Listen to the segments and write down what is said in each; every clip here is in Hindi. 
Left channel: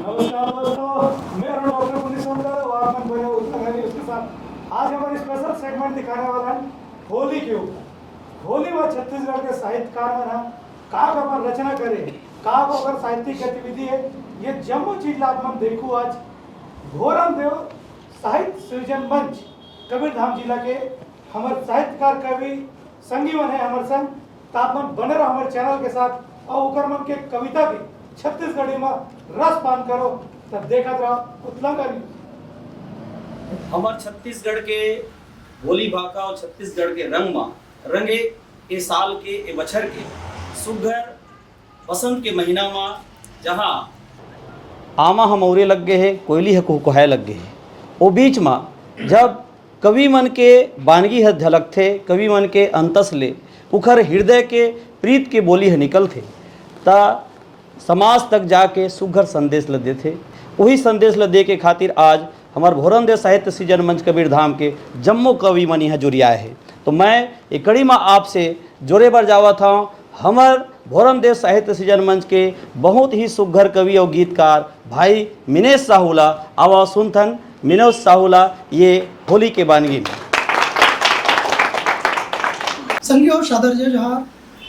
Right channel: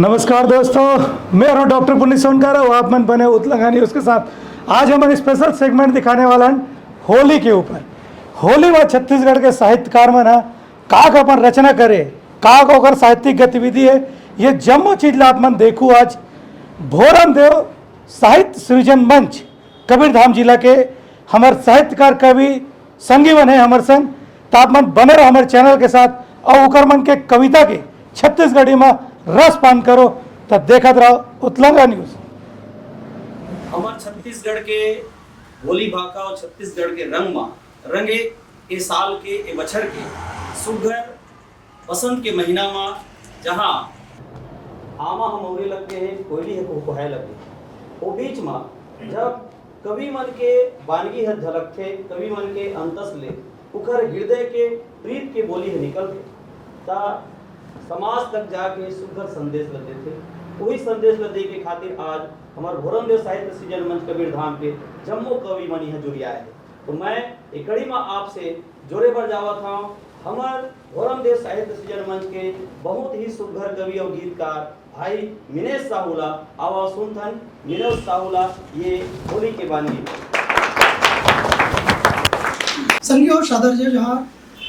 नमस्कार दोस्तों, मैं हूं डॉक्टर पुनीत सोनकर और आप मन बने उतलंगानी उसके साथ। आज हमारे स्पेशल सेगमेंट दिखाने वाला है होली के ऊपर। होली व छत्तीसगढ़ के साहित्यकार में ना काक अपन रचना करे, काक होकर साहित्यिक गतिविधि है। ये जम्मू चीज ला मन देखू आज भोरम देव साहित्य सृजन मंच कबीरधाम जिला के हमारे साहित्यकार कवि संगीवन है हमारे संग। तो आप मन बने रहो हमारे चैनल के साथ और उकर मन के कविता के छत्तीसगढ़ी में रस पान करो। तब देखत रहो उतलंगा न्यूज। हमार छत्तीसगढ़ के बोली भाषा और छत्तीसगढ़ के रंग में रंगे ए साल के ए बछर के सुघर बसंत के महीना में जहाँ आमा हमौरे लग गए है, कोयली है कुहकुहाए लग गए है। वो बीच में जब कवि मन के बानगी है झलक थे, कवि मन के अंतस ले उखर हृदय के प्रीत के बोली है निकल थे ता समाज तक जाके सुघर संदेश ल दे थे। वही संदेश ल दे के खातिर आज हमार भोरम देव साहित्य सृजन मंच कबीरधाम के जम्मू कवि मन यहाँ जुड़ियाए है। तो मैं एक कड़ी में आपसे जोरे बर जावा था हमार भोरम देव साहित्य सृजन मंच के बहुत ही सुघर कवि और गीतकार भाई मिनेश साहूला। आवा सुनथन मिनोज साहूला ये होली के बानगी संगियो सादर जे जहाँ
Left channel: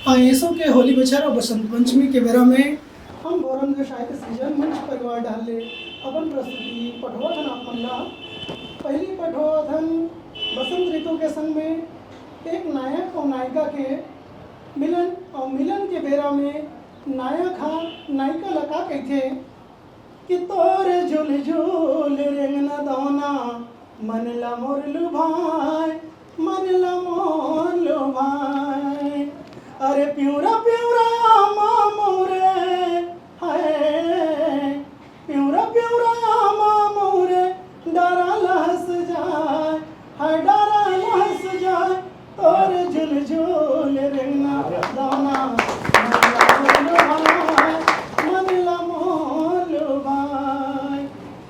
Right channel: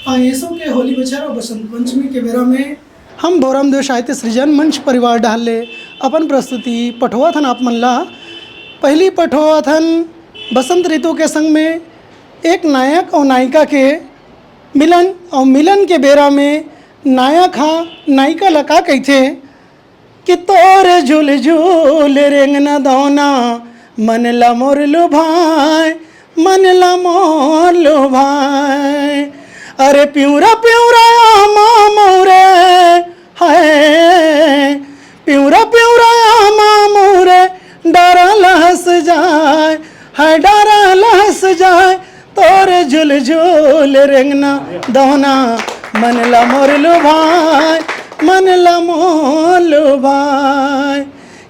आयसों के होली बछर और बसंत पंचमी के बेरा में हम भोरम देव साहित्य सृजन मंच परिवार डाले अपन प्रस्तुति पठोथन आप मन ला। पहली पठोथन बसंत ऋतु के संग में एक नायक और नायिका के मिलन और मिलन के बेरा में नायक हाँ नायिका लका कहते कि तोर झूल झूल रेंगना दौना मन ला मोर लो भाई, मन ला मोर लो भाई। अरे प्यूरा प्यूरा आमा मोरे हाय, प्यूरा प्यूरा आमा मोरे डरा लहस जाए, हाय डरा लहस जाए। तोर झूल झूल रेंगना दौना मन ला मोर लो भाई, मन ला मोर लो भाई।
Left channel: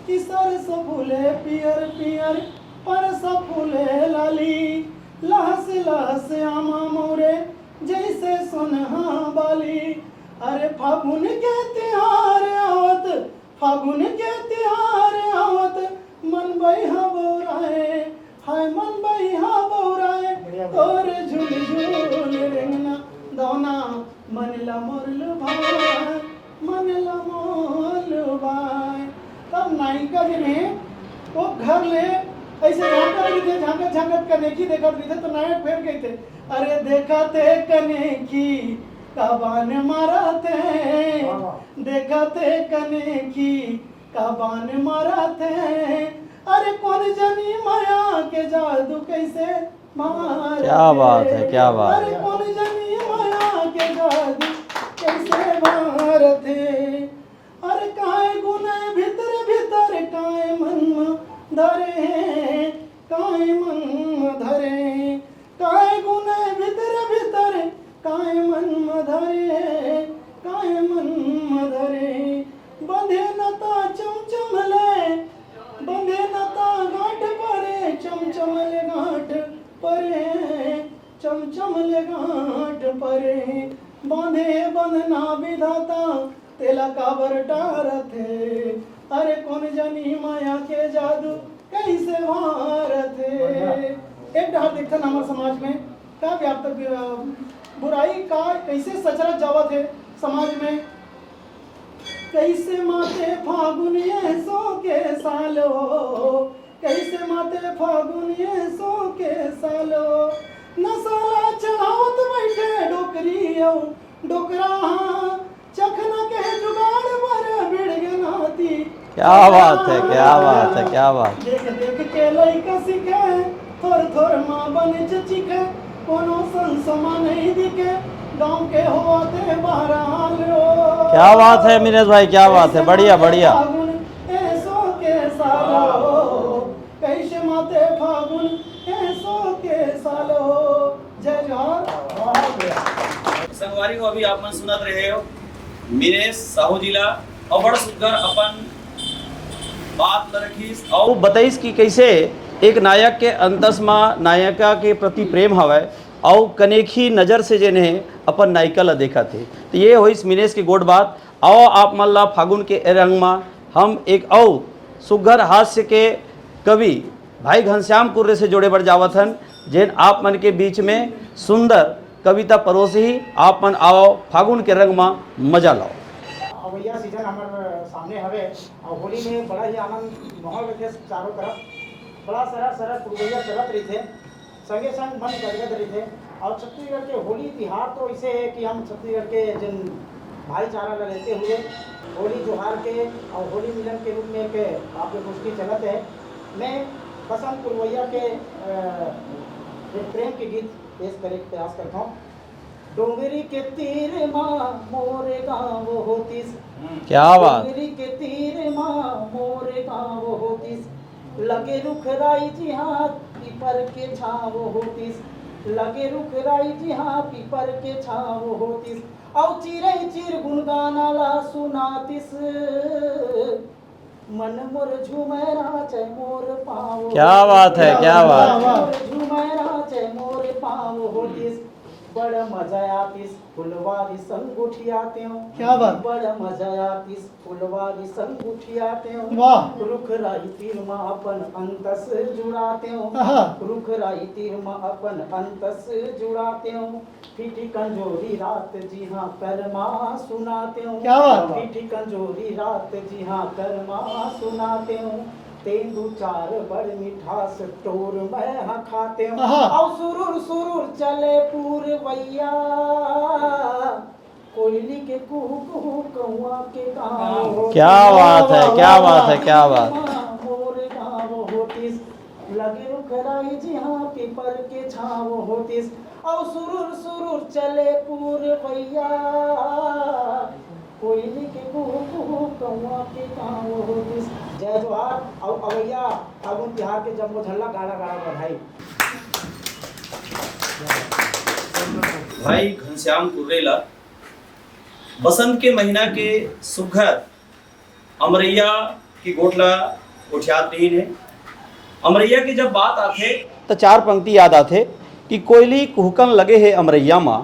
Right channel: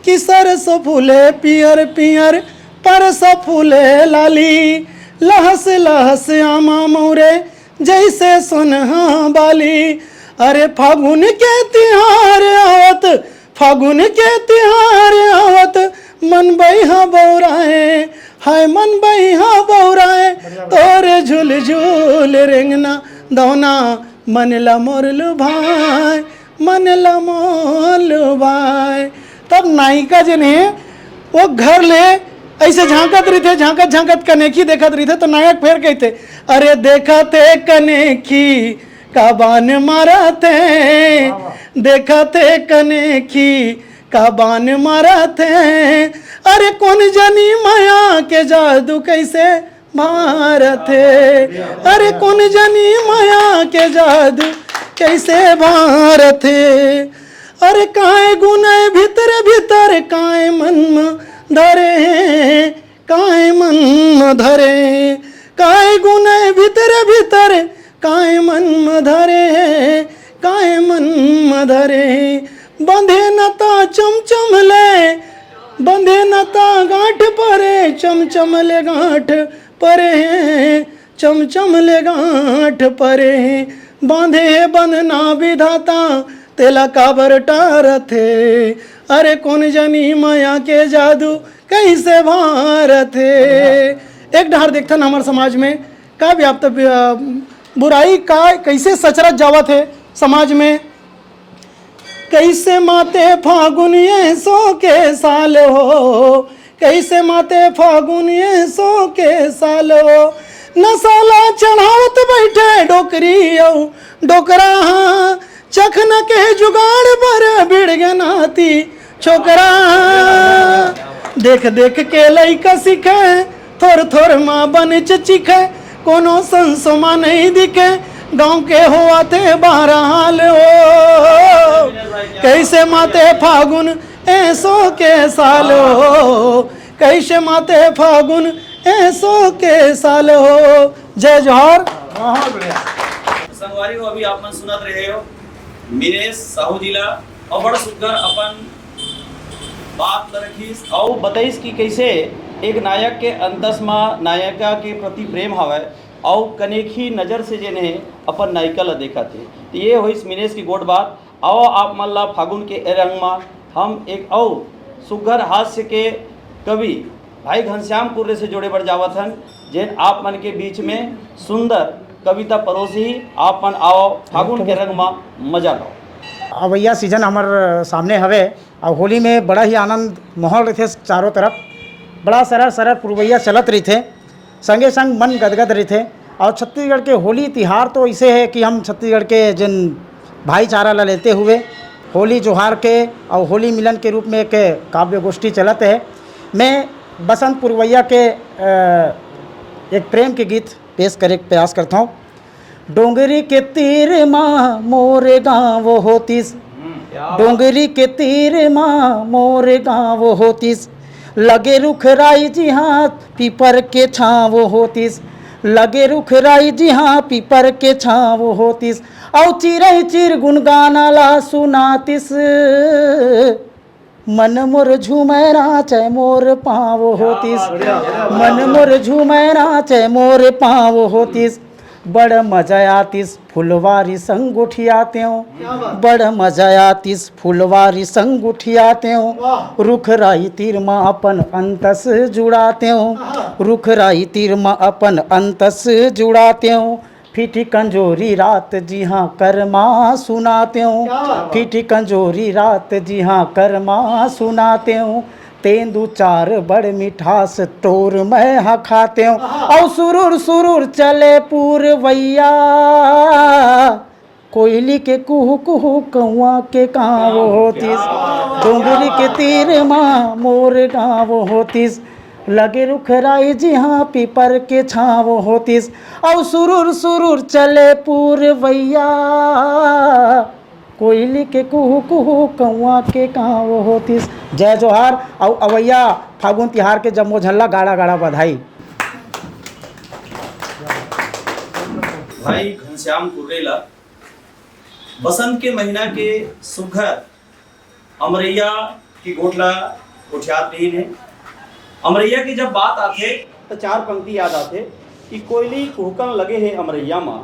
कि सरसों फूले पियर पियर परसों फूले लाली, लहस लहस आमा मोरे जैसे सुनहा बाली। अरे फागुन के तिहार आवत, फागुन के तिहार आवत मन बैहा बौराए, हाय मन बैहा बौराए। तोरे झूल झूल रेंगना दौना मन ला मोर लो भाई, मन ला मोर लो भाई। तब नायिका जन है वो घर ले ऐसे झांकत रही थे, झांकत झांकत कनेखी देखत रही थे। तो नायक फिर कहते अरे देखते कनेखी का बान मारते, देखते कनेखी का बान मारते। अरे कौन जानी माया के जादू कैसे भारते, अरे कौन जानी माया के जादू कैसे भारते। अरे काहे गुनाह भीतर भीतर काहे मन में धरे, काहे मन में धरे। काहे गुनाह भीतर भीतर काहे मन में धरे, काहे मन में धरे। बंधे नता चमचम ले, बंधे नता गांठ परे, चमचम ले गांठ परे, चमचम ले गांठ परे। बांधे बंधना विधाता तेला काबर टारथे, अरे कौन जानी माया के जादू कैसे भारथे। एक ढार देखता ना हमारे समाज में का व्याप्त बुराई का कैसे सचरत जावत है समाज में। कैसे माते फागुन ये सो के साल हो, कैसे माते फागुन ये सो के साल हो। नसाला चढ़ावत बैठे डोकरी औ डोकरा, चखना के जुगाड़ पर भिड़ गए नाती छोकरा। देख देख के लइका सीखे, थोर थोर माँ बन चिखे। कोनो संसोमा नहीं दिखे, गांव के हुआ थे बहरहाल हो। कैसे माते फागुन ऐसो के साल हो, कैसे माते फागुन ऐसो के साल हो। जय जोहर। संगवारी को अभी आप मन सुनत रहे हो मिनेश साहू जिला और बड़ा सुघर अपन बात न रखीस और बताइस कि कैसे एक नायक के अंतस में नायिका के प्रति प्रेम हवै और कनेखी नज़र से जेने अपन नायिका ला देखा थे। तो ये होइस मिनेश की गोड बात। आओ आप मन ला फागुन के रंग में हम एक और सुघर हास्य के कवि भाई घनश्याम कुर्रे से जोड़े बढ़ जावत हन, जेन आप मन के बीच में सुंदर कविता परोसी आप मन आओ फागुन के रंग में मजा लो। अवैया सीजन हमार सामने हवे और होली में बड़ा ही आनंद माहौल रहते चारों तरफ, बड़ा सरल सरल पुरवैया चलत रही थे, संगे संग मन गदगद रही थे। और छत्तीसगढ़ के होली तिहार तो ऐसे है कि हम छत्तीसगढ़ के जिन भाईचारा ला लेते हुए होली जोहार के और होली मिलन के रूप में एक काव्य गोष्ठी चलत है। मैं बसंत पुरवैया के एक प्रेम के गीत पेश करे के प्रयास करता हूँ। डोंगरी के तीर माँ मोरे गाँव होतीस, क्या बात। डोंगरी के तीर माँ मोरे गाँव होतीस, लगे रुख राई जी हाँ पीपर के छाँव होतीस, लगे रुख राई जी हाँ पीपर के छाँव होतीस, औ चिरई चिर गुनगाना ला सुनातिस, मन मोर झूमरा चे मोर पाँव होतीस, मन मोर झूमरा चे मोर पाँव होतीस, बड़ मजा आतिस फुलवारी संग उठियाते हो, बड़ मजा आतिस फुलवारी संग उठियाते हो, रुख राई तीर माँ अपन अंतस जुड़ाते हो, रुख राई तीर माँ अपन अंतस जुड़ाते हो, फीटी कंजोरी रात जी हाँ करमा सुनाते हो, फीटी कंजोरी रात जी हाँ करमा सुनाते हो, तेंदू चार बड़ मिठास तोर मैं हाँ खाते हूँ, और सुरुर सुरुर चले पूरवैया, कोयली के कुहू कुहू कौआ के गाँव होतीस, क्या बात है, क्या डोंगरी बात के है, क्या तीर बात है। माँ मोर गाँव होतीस, लगे रुख राई जी हाँ पीपर के छाँव होतीस, और सुरुर सुरुर चले पूरवैया, कोयली के कुहू कुहू कौआ के गाँव होतीस। जय जोहार और अवैया फागुन तिहार के जम्मो झल्ला गाड़ा गाड़ा बधाई। भाई घनश्याम कुर्रेला बसंत के महीना के सुघर अमरैया की गोठला उठियात नहीं है। अमरैया की जब बात आथे तो चार पंक्ति याद आथे कि कोयली कुहकन लगे है अमरैया माँ,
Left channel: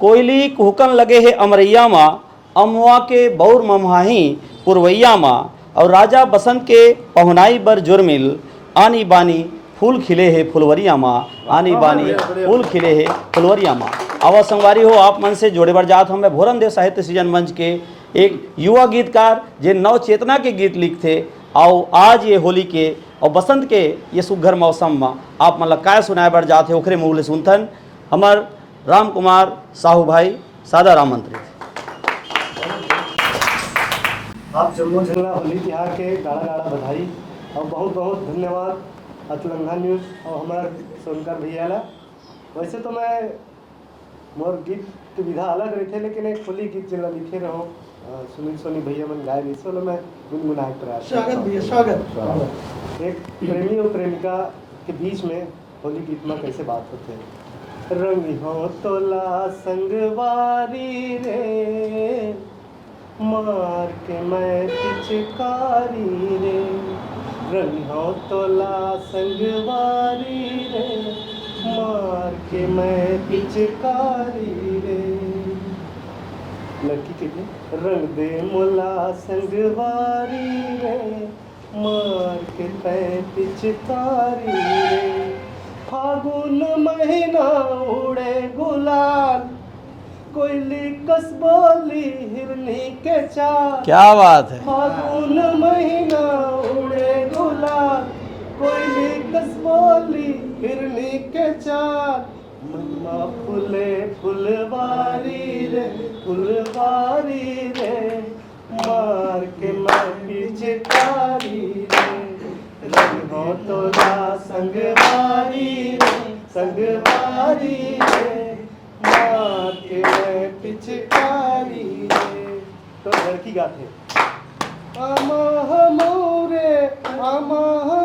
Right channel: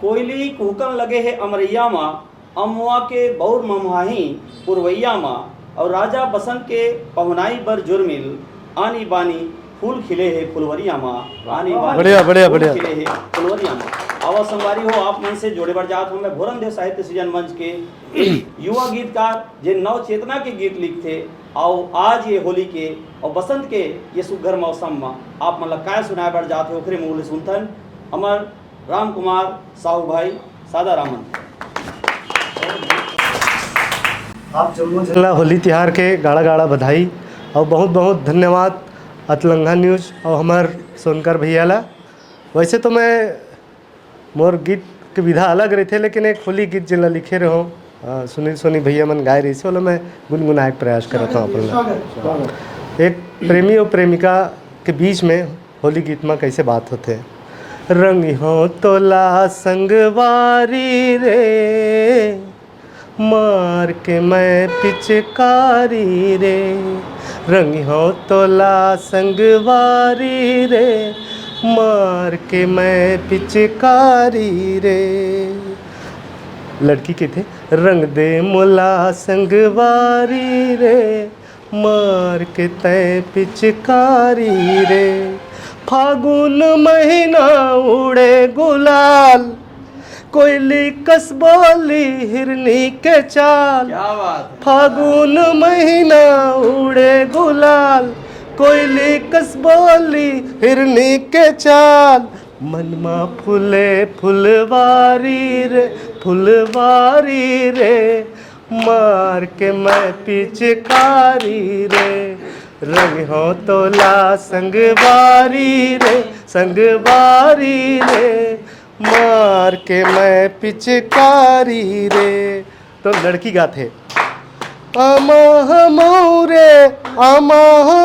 कोयली कुहकन लगे है अमरैया माँ, अमवा के बौर ममहाही पुरवैया माँ, और राजा बसंत के पहुनाई बर जुर्मिल, आनी बानी फूल खिले है फुलवरिया माँ, आनी बानी फूल खिले है फुलवरिया माँ। आवा संगवारी हो आप मन से जोड़े बढ़ जात हमें भोरम देव साहित्य सृजन मंच के एक युवा गीतकार जे नव चेतना के गीत लिखते, आओ आज ये होली के और बसंत के ये सुघर मौसम में आप मतलब काय सुनाए बढ़ जाते ओखरे मुँह ले सुनथन हमार राम कुमार साहू भाई सादा राम मंत्री। आप जम्मू झल्ला होली तिहार के गाड़ा गाड़ा बधाई और बहुत बहुत धन्यवाद अतलंगा न्यूज़ और हमार सोनकर भैया ला। वैसे तो मैं मोर गीत के विधा अलग रही थे, लेकिन एक होली गीत जिला लिखे रहो सुनील सोनी भैया मन गाय रही से मैं गुनगुनाए के प्रयास करता हूँ। एक प्रेमी और प्रेमिका के बीच में होली गीत में कैसे बात होते, रंग हो तोला संगवारी रे, मार के मैं पिचकारी रे, रंग हो तोला संगवारी रे, मार के मैं पिचकारी रे। लड़की के थे, रंग दे मोला संगवारी रे, मार के तय पिचकारी रे, फागुन महीना उड़े गुलाल, कोयली कसबोली हिरनी के चाल, क्या बात है, फागुन महीना उड़े गुलाल, कोयली कसबोली हिरनी के चाल, मनमा फूले फुलवारी रे, फुलवारी रे, मार के मैं पिचकारी रे, रंग हो तोला संगवारी रे, संगवारी रे, मार के मैं पिचकारी रे। तो लड़की गाते आमा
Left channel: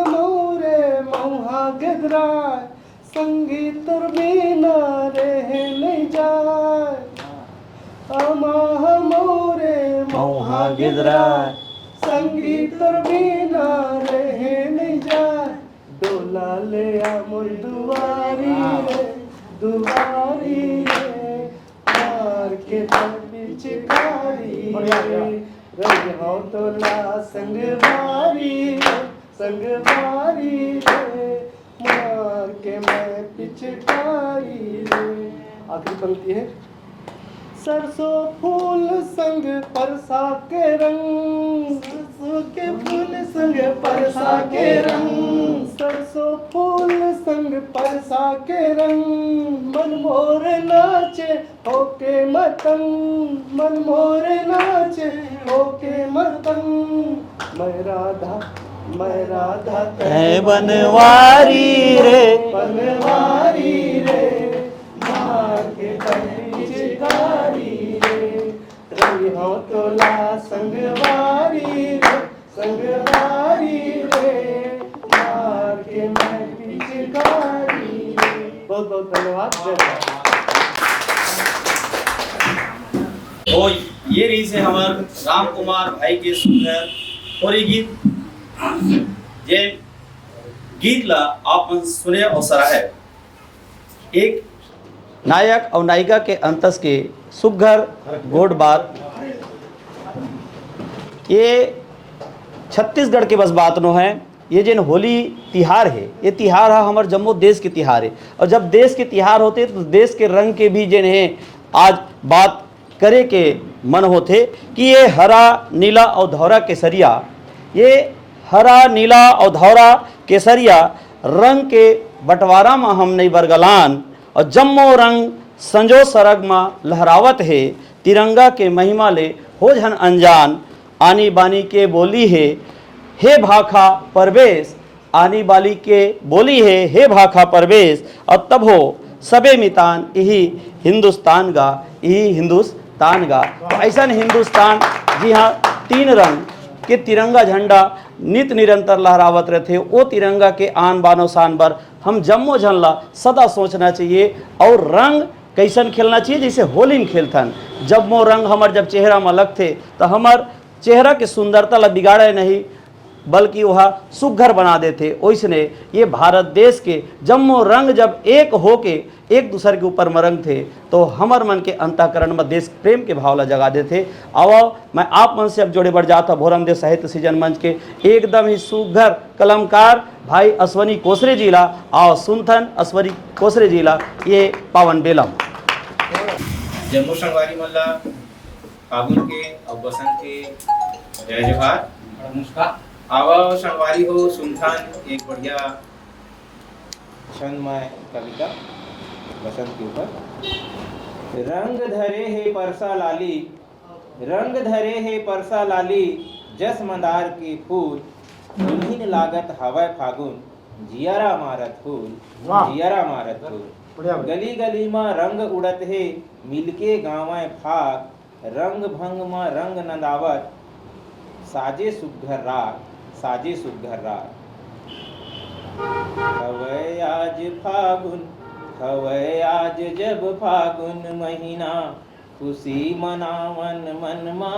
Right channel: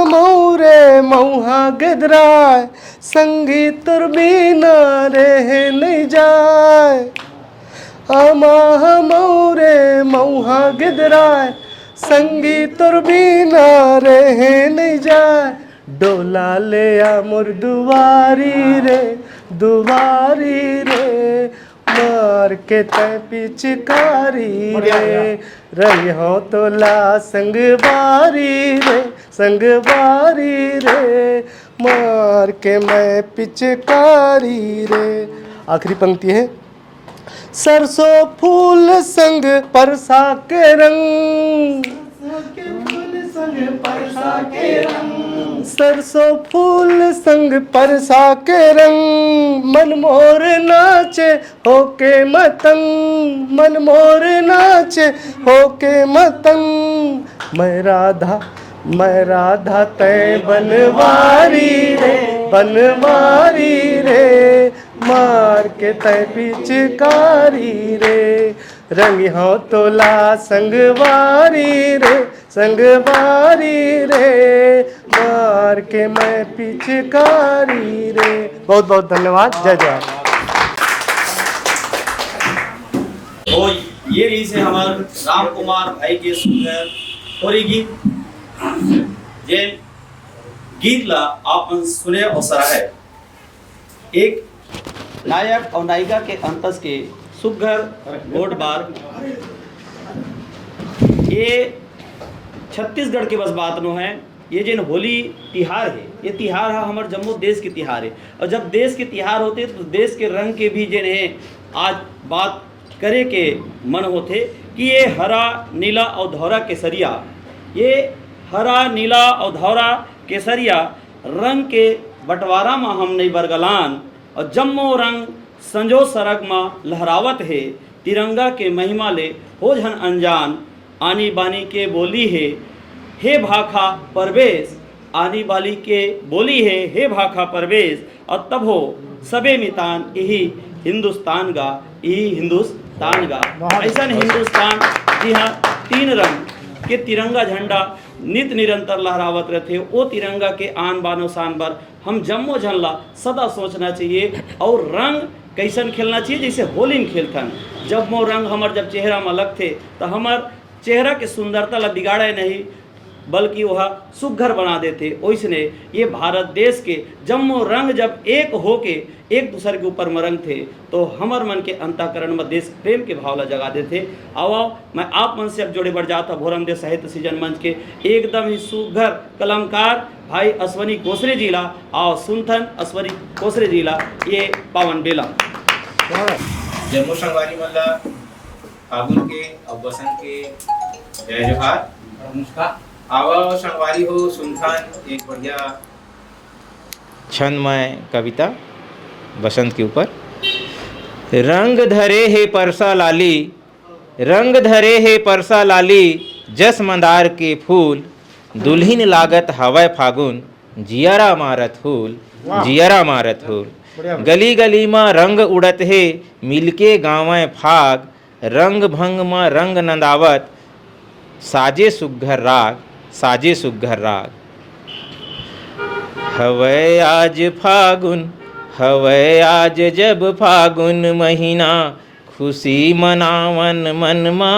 मौरे मौहा गिदराय, संगी तुरबीना रे नहीं जाए, आमा मौरे मौहा गिदराय, संगी तुरबीना रे नहीं जाए, डोला ले आ मोर दुआरी रे, दुआरी रे, मार मार के तय पिचकारी रे, रंग हो तो ला संगवारी रे, संगवारी रे, मार के मैं पिचकारी रे। आखिरी पंक्ति है, सरसों फूल संग परसा के रंग, सरसों फूल संग परसा के रंग, मन मोर नाचे होके मतंग, मन मोर नाचे होके मतंग, मैं राधा तय बनवारी रे, बनवारी रे, मार के तय पिचकारी रे, रंग हो तो ला संगवारी रे, संगवारी रे, मार के मैं पिचकारी रे। बहुत बहुत धन्यवाद। जय जय। तो ये रही से हमार राम कुमार भाई के सुंदर होली गीत, जे गीत ला आप सुने और सराहे। एक नायक और नायिका के अंतस के सुघर गोड बात, ये छत्तीसगढ़ के बस बात नो है। ये जिन होली तिहार है, ये तिहार है हमारे जम्मू देश के तिहार है, और जब देश के तिहार होते हैं तो देश के रंग के भी जिन है आज बात करे के मन होते कि ये हरा नीला और धौरा केसरिया, ये हरा नीला और धौरा केसरिया रंग के बंटवारा में हम नहीं बरगलान, और जम्मो रंग संजो सरग में लहरावत है, तिरंगा के महिमा ले हो झन अनजान, आनी बानी के बोली है हे भाखा परवेश, आनी बाली के बोली है हे भाखा परवेश, और तब हो सबे मितान यही हिंदुस्तान गा, यही हिंदुस्तान गा। ऐसा हिंदुस्तान जी हाँ, तीन रंग के तिरंगा झंडा नित निरंतर लहरावत रहते, वो तिरंगा के आन बानो शान पर हम जम्मो झनला सदा सोचना चाहिए, और रंग कैसन खेलना चाहिए जैसे होली में खेलथन। जब वो रंग हमार जब चेहरा में लगते तो हमार चेहरा की सुंदरता ला बिगाड़े नहीं, बल्कि वह सुघर बना देते। ओइसने ये भारत देश के जम्मो रंग जब एक होके एक दूसरे के ऊपर मरंग थे तो हमार मन के अंतःकरण में देश प्रेम के भाव ला जगा देते। अब मैं आप मन से अब जोड़े बढ़ जाता भोरम देव साहित्य सृजन मंच के एकदम ही सुघर कलमकार भाई अश्वनी कोसरे जिला और सुनथन अश्वनी कोसरे जिला ये पावन बेला। जम्मू संगवारी मल्ला फागुन के और बसंत के जय जोहार। नमस्कार। आवा संगवारी हो सुनथान एक बढ़िया छंदमय कविता बसंत के ऊपर। रंग धरे है परसा लाली, रंग धरे है परसा लाली, जस मंदार के फूल, दुल्हिन लागत हवय फागुन, जियरा मारत फूल, जियरा मारत फूल। गली गली में रंग उड़त है, मिलके गाँव फाग, रंग भंग में रंग नंदावत, साजे सुघर राग, साजे सुघर राग। हवै आज फागुन, हवै आज जब फागुन महीना, खुशी मनावन मन मा।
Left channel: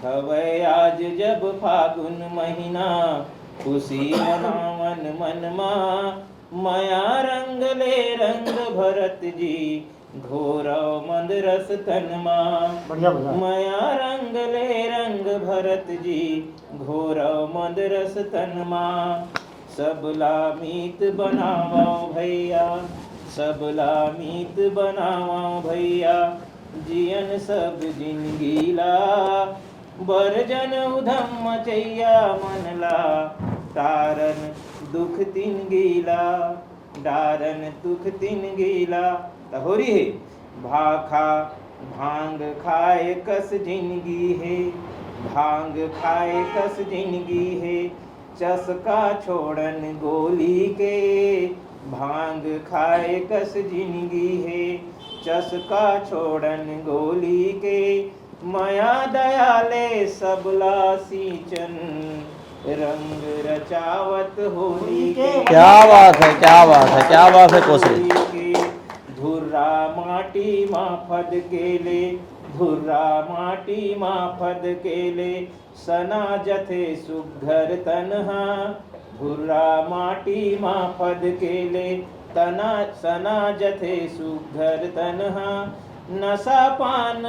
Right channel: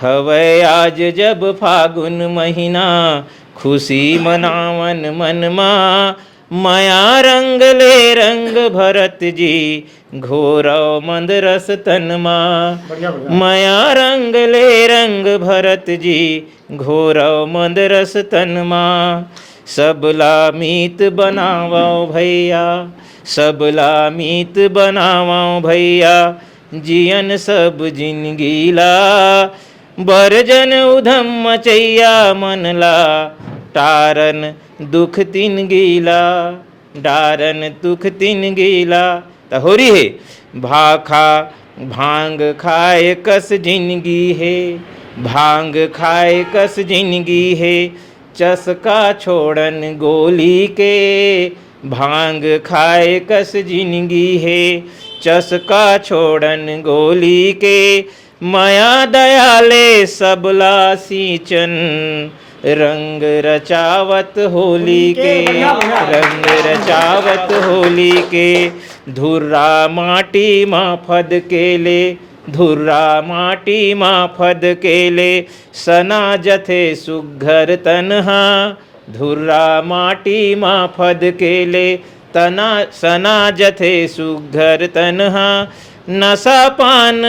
हवै आज जब फागुन महीना, खुशी मनावन मन मा। माया रंग ले रंग भरत जी, घोरव मंद रस तन मा। माया रंग ले रंग भरत जी, घोरव मंद रस तन मा। सबला मीत बनावो भैया, सबला मीत बनावो भैया, जियन सब जिनगीला। बरजन उधम मचैया मनला, टारन दुख तिन गीला, डारन दुख तिन गीला। तो हो रही है भाखा भांग खाए कस जिंदगी है, भांग खाए कस जिंदगी है, चसका छोड़न गोली के। भांग खाए कस जिंदगी है, चसका छोड़न गोली के। माया दयाले सबला सींचन, रंग रचावत होली के, रंग रचावत होली के। धुर्रा माटी माँ फद के ले, धुर्रा माटी माँ फद के ले, सना जथे सुघर तनहा। धुर्रा माटी माँ फद के ले, तना सना जथे सुघर तनहा। नशा पान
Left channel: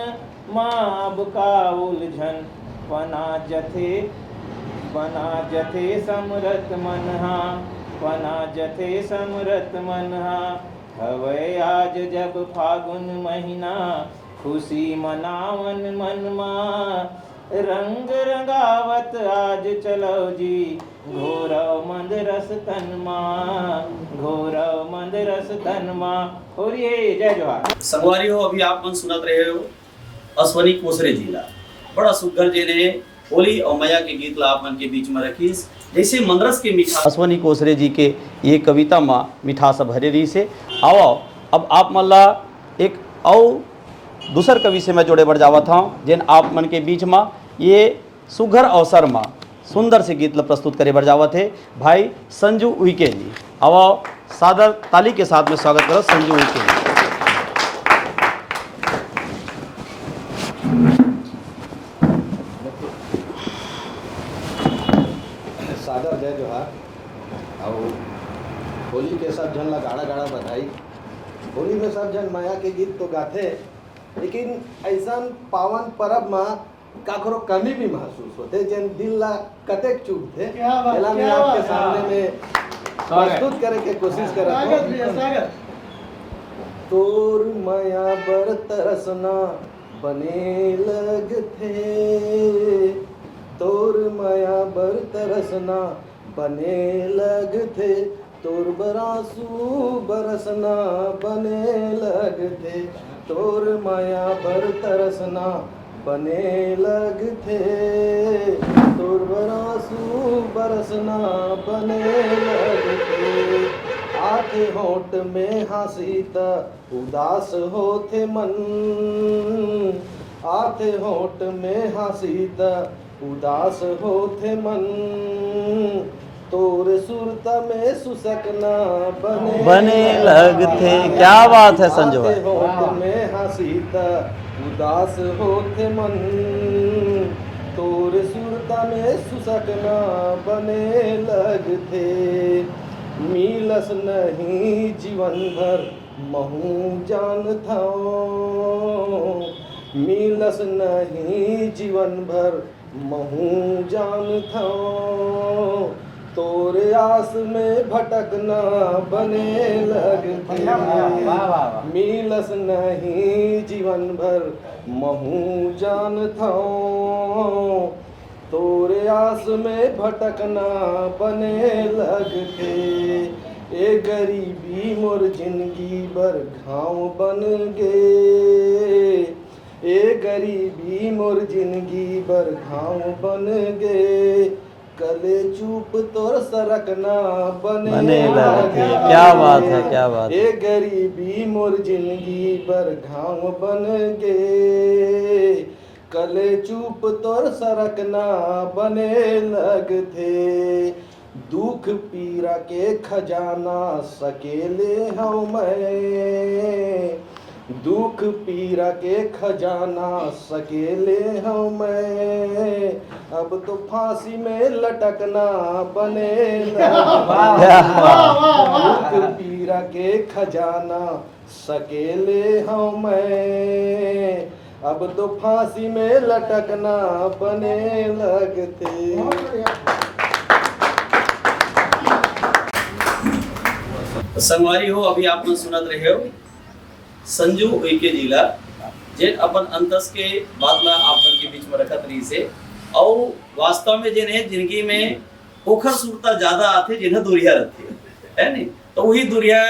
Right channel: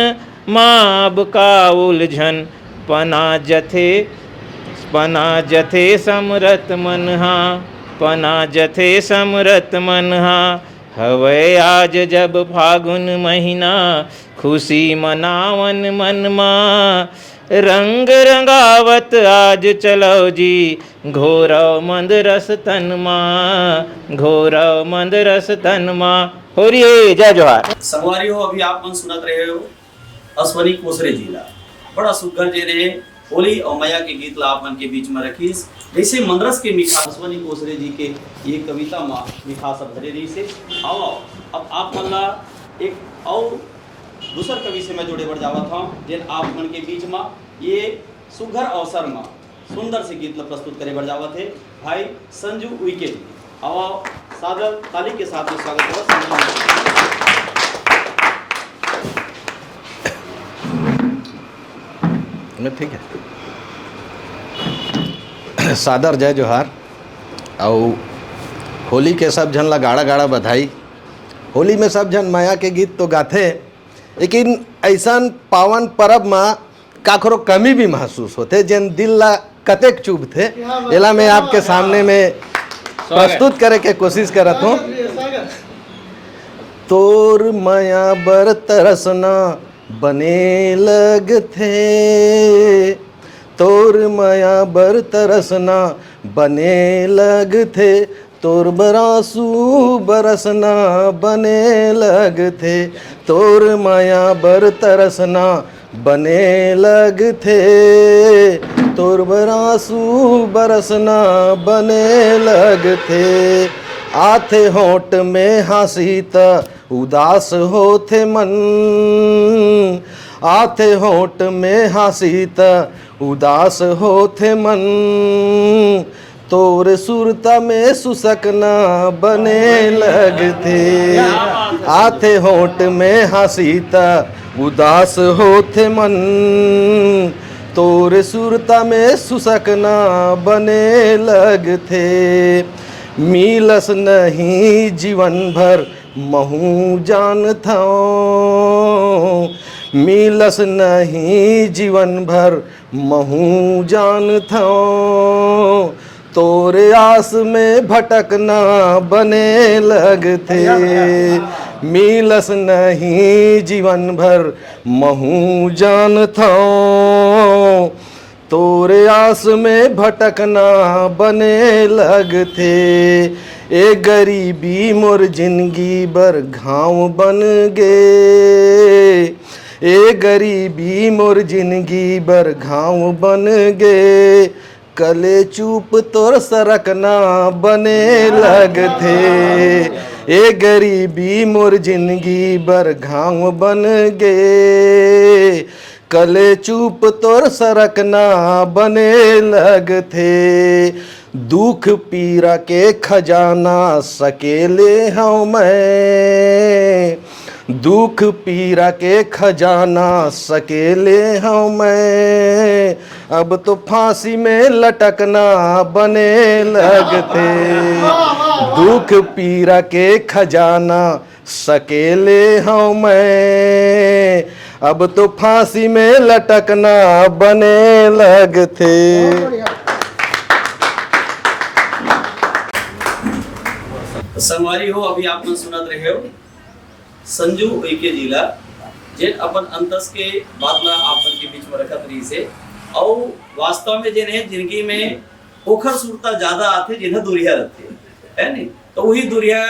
माब का उलझन पना जथे समरत मनहा पना जथे समरत मनहा हवै आज जब फागुन महीना खुशी मनावन मनमा रंग रंगावत आज चलो जी घोरव मंद रस तनमा घोरव मंद रस तनमा। हो रही है जय जोहार। संगवारी हो अभी आप मन सुनत रहे हो अश्वनी कोसरे जी ला बड़ा सुघर जे ने होली और मैया के गीत ला आप मन के बीच में रखीस जैसे मंदरस के मिठा अश्वनी कोसरे जी के ये कविता में मिठास भरे रही से आओ अब आप मन ला एक और दूसर कवि से मैं जोड़े बढ़ जावा था जिन आप मन के बीच में ये सुघर अवसर में सुंदर से गीत ला प्रस्तुत करे बढ़ जावा थे भाई संजू उइके जी। आओ सादर ताली के साथ में स्वागत करो संजू उइके जी। ठीक है सादर जय जोहार और होली के सब जन ला गाड़ा गाड़ा बधाई। होली में सब जन माया के गीत तो गाथे लेकिन ऐसा पावन पर्व में काखरो कमी भी महसूस होते जन दिल ला कतेक चुभ थे एला मैं आपके सामने में प्रस्तुत करे के कोशिश करत हूँ। तोर माया बर तरसना बने लग थे तोर माया बर तरसना बने लग थे तोर बरासू बरसना बने लग थे तोर माया बर तरसना बने लग थे तोर बरासू बरसना बने लग थे आथे होठ में हंसी त उदास होथे मन आथे होठ में हंसी त उदास होथे मन तोर सुरता में सुसकना बने लगते क्या बात है आथे होठ में हंसी त उदास होथे मन तोर सुरता में सुसकना बने लगते मिलस नहीं जीवन भर महू जान था मिलस नहीं जीवन भर महू जान था तोरे आस में भटकना बने लगते मिलस नहीं जीवन भर महू जान था तोरे आस में भटकना बने लगते ए गरीबी मोर जिंदगी बर घाव बन गे ए गरीबी मोर जिंदगी बर घाव बन गे कले चूप तोर सरकना बने लगते ए गरीबी मोर जिंदगी बर घाव बन गे कले चूप तोर सरकना बने लगते दुख पीरा के खजाना सकेले हूँ मैं दुख पीरा के खजाना सकेले हूँ मैं अब तो फांसी में लटकना बने लगते दुख पीरा के खजाना सकेले हूँ मैं अब तो फांसी में लटकना बने लगते। संगवारी हो अभी आप सुनत रहे हो संजू उइके जिला जेन अपन अंतस के बादला आपन के बीच में रखत रही से और वास्तव में जेन है जिंदगी में ओखर सुरता ज्यादा आते जिन्हें दुरिया रहते है नहीं तो वही दुरिया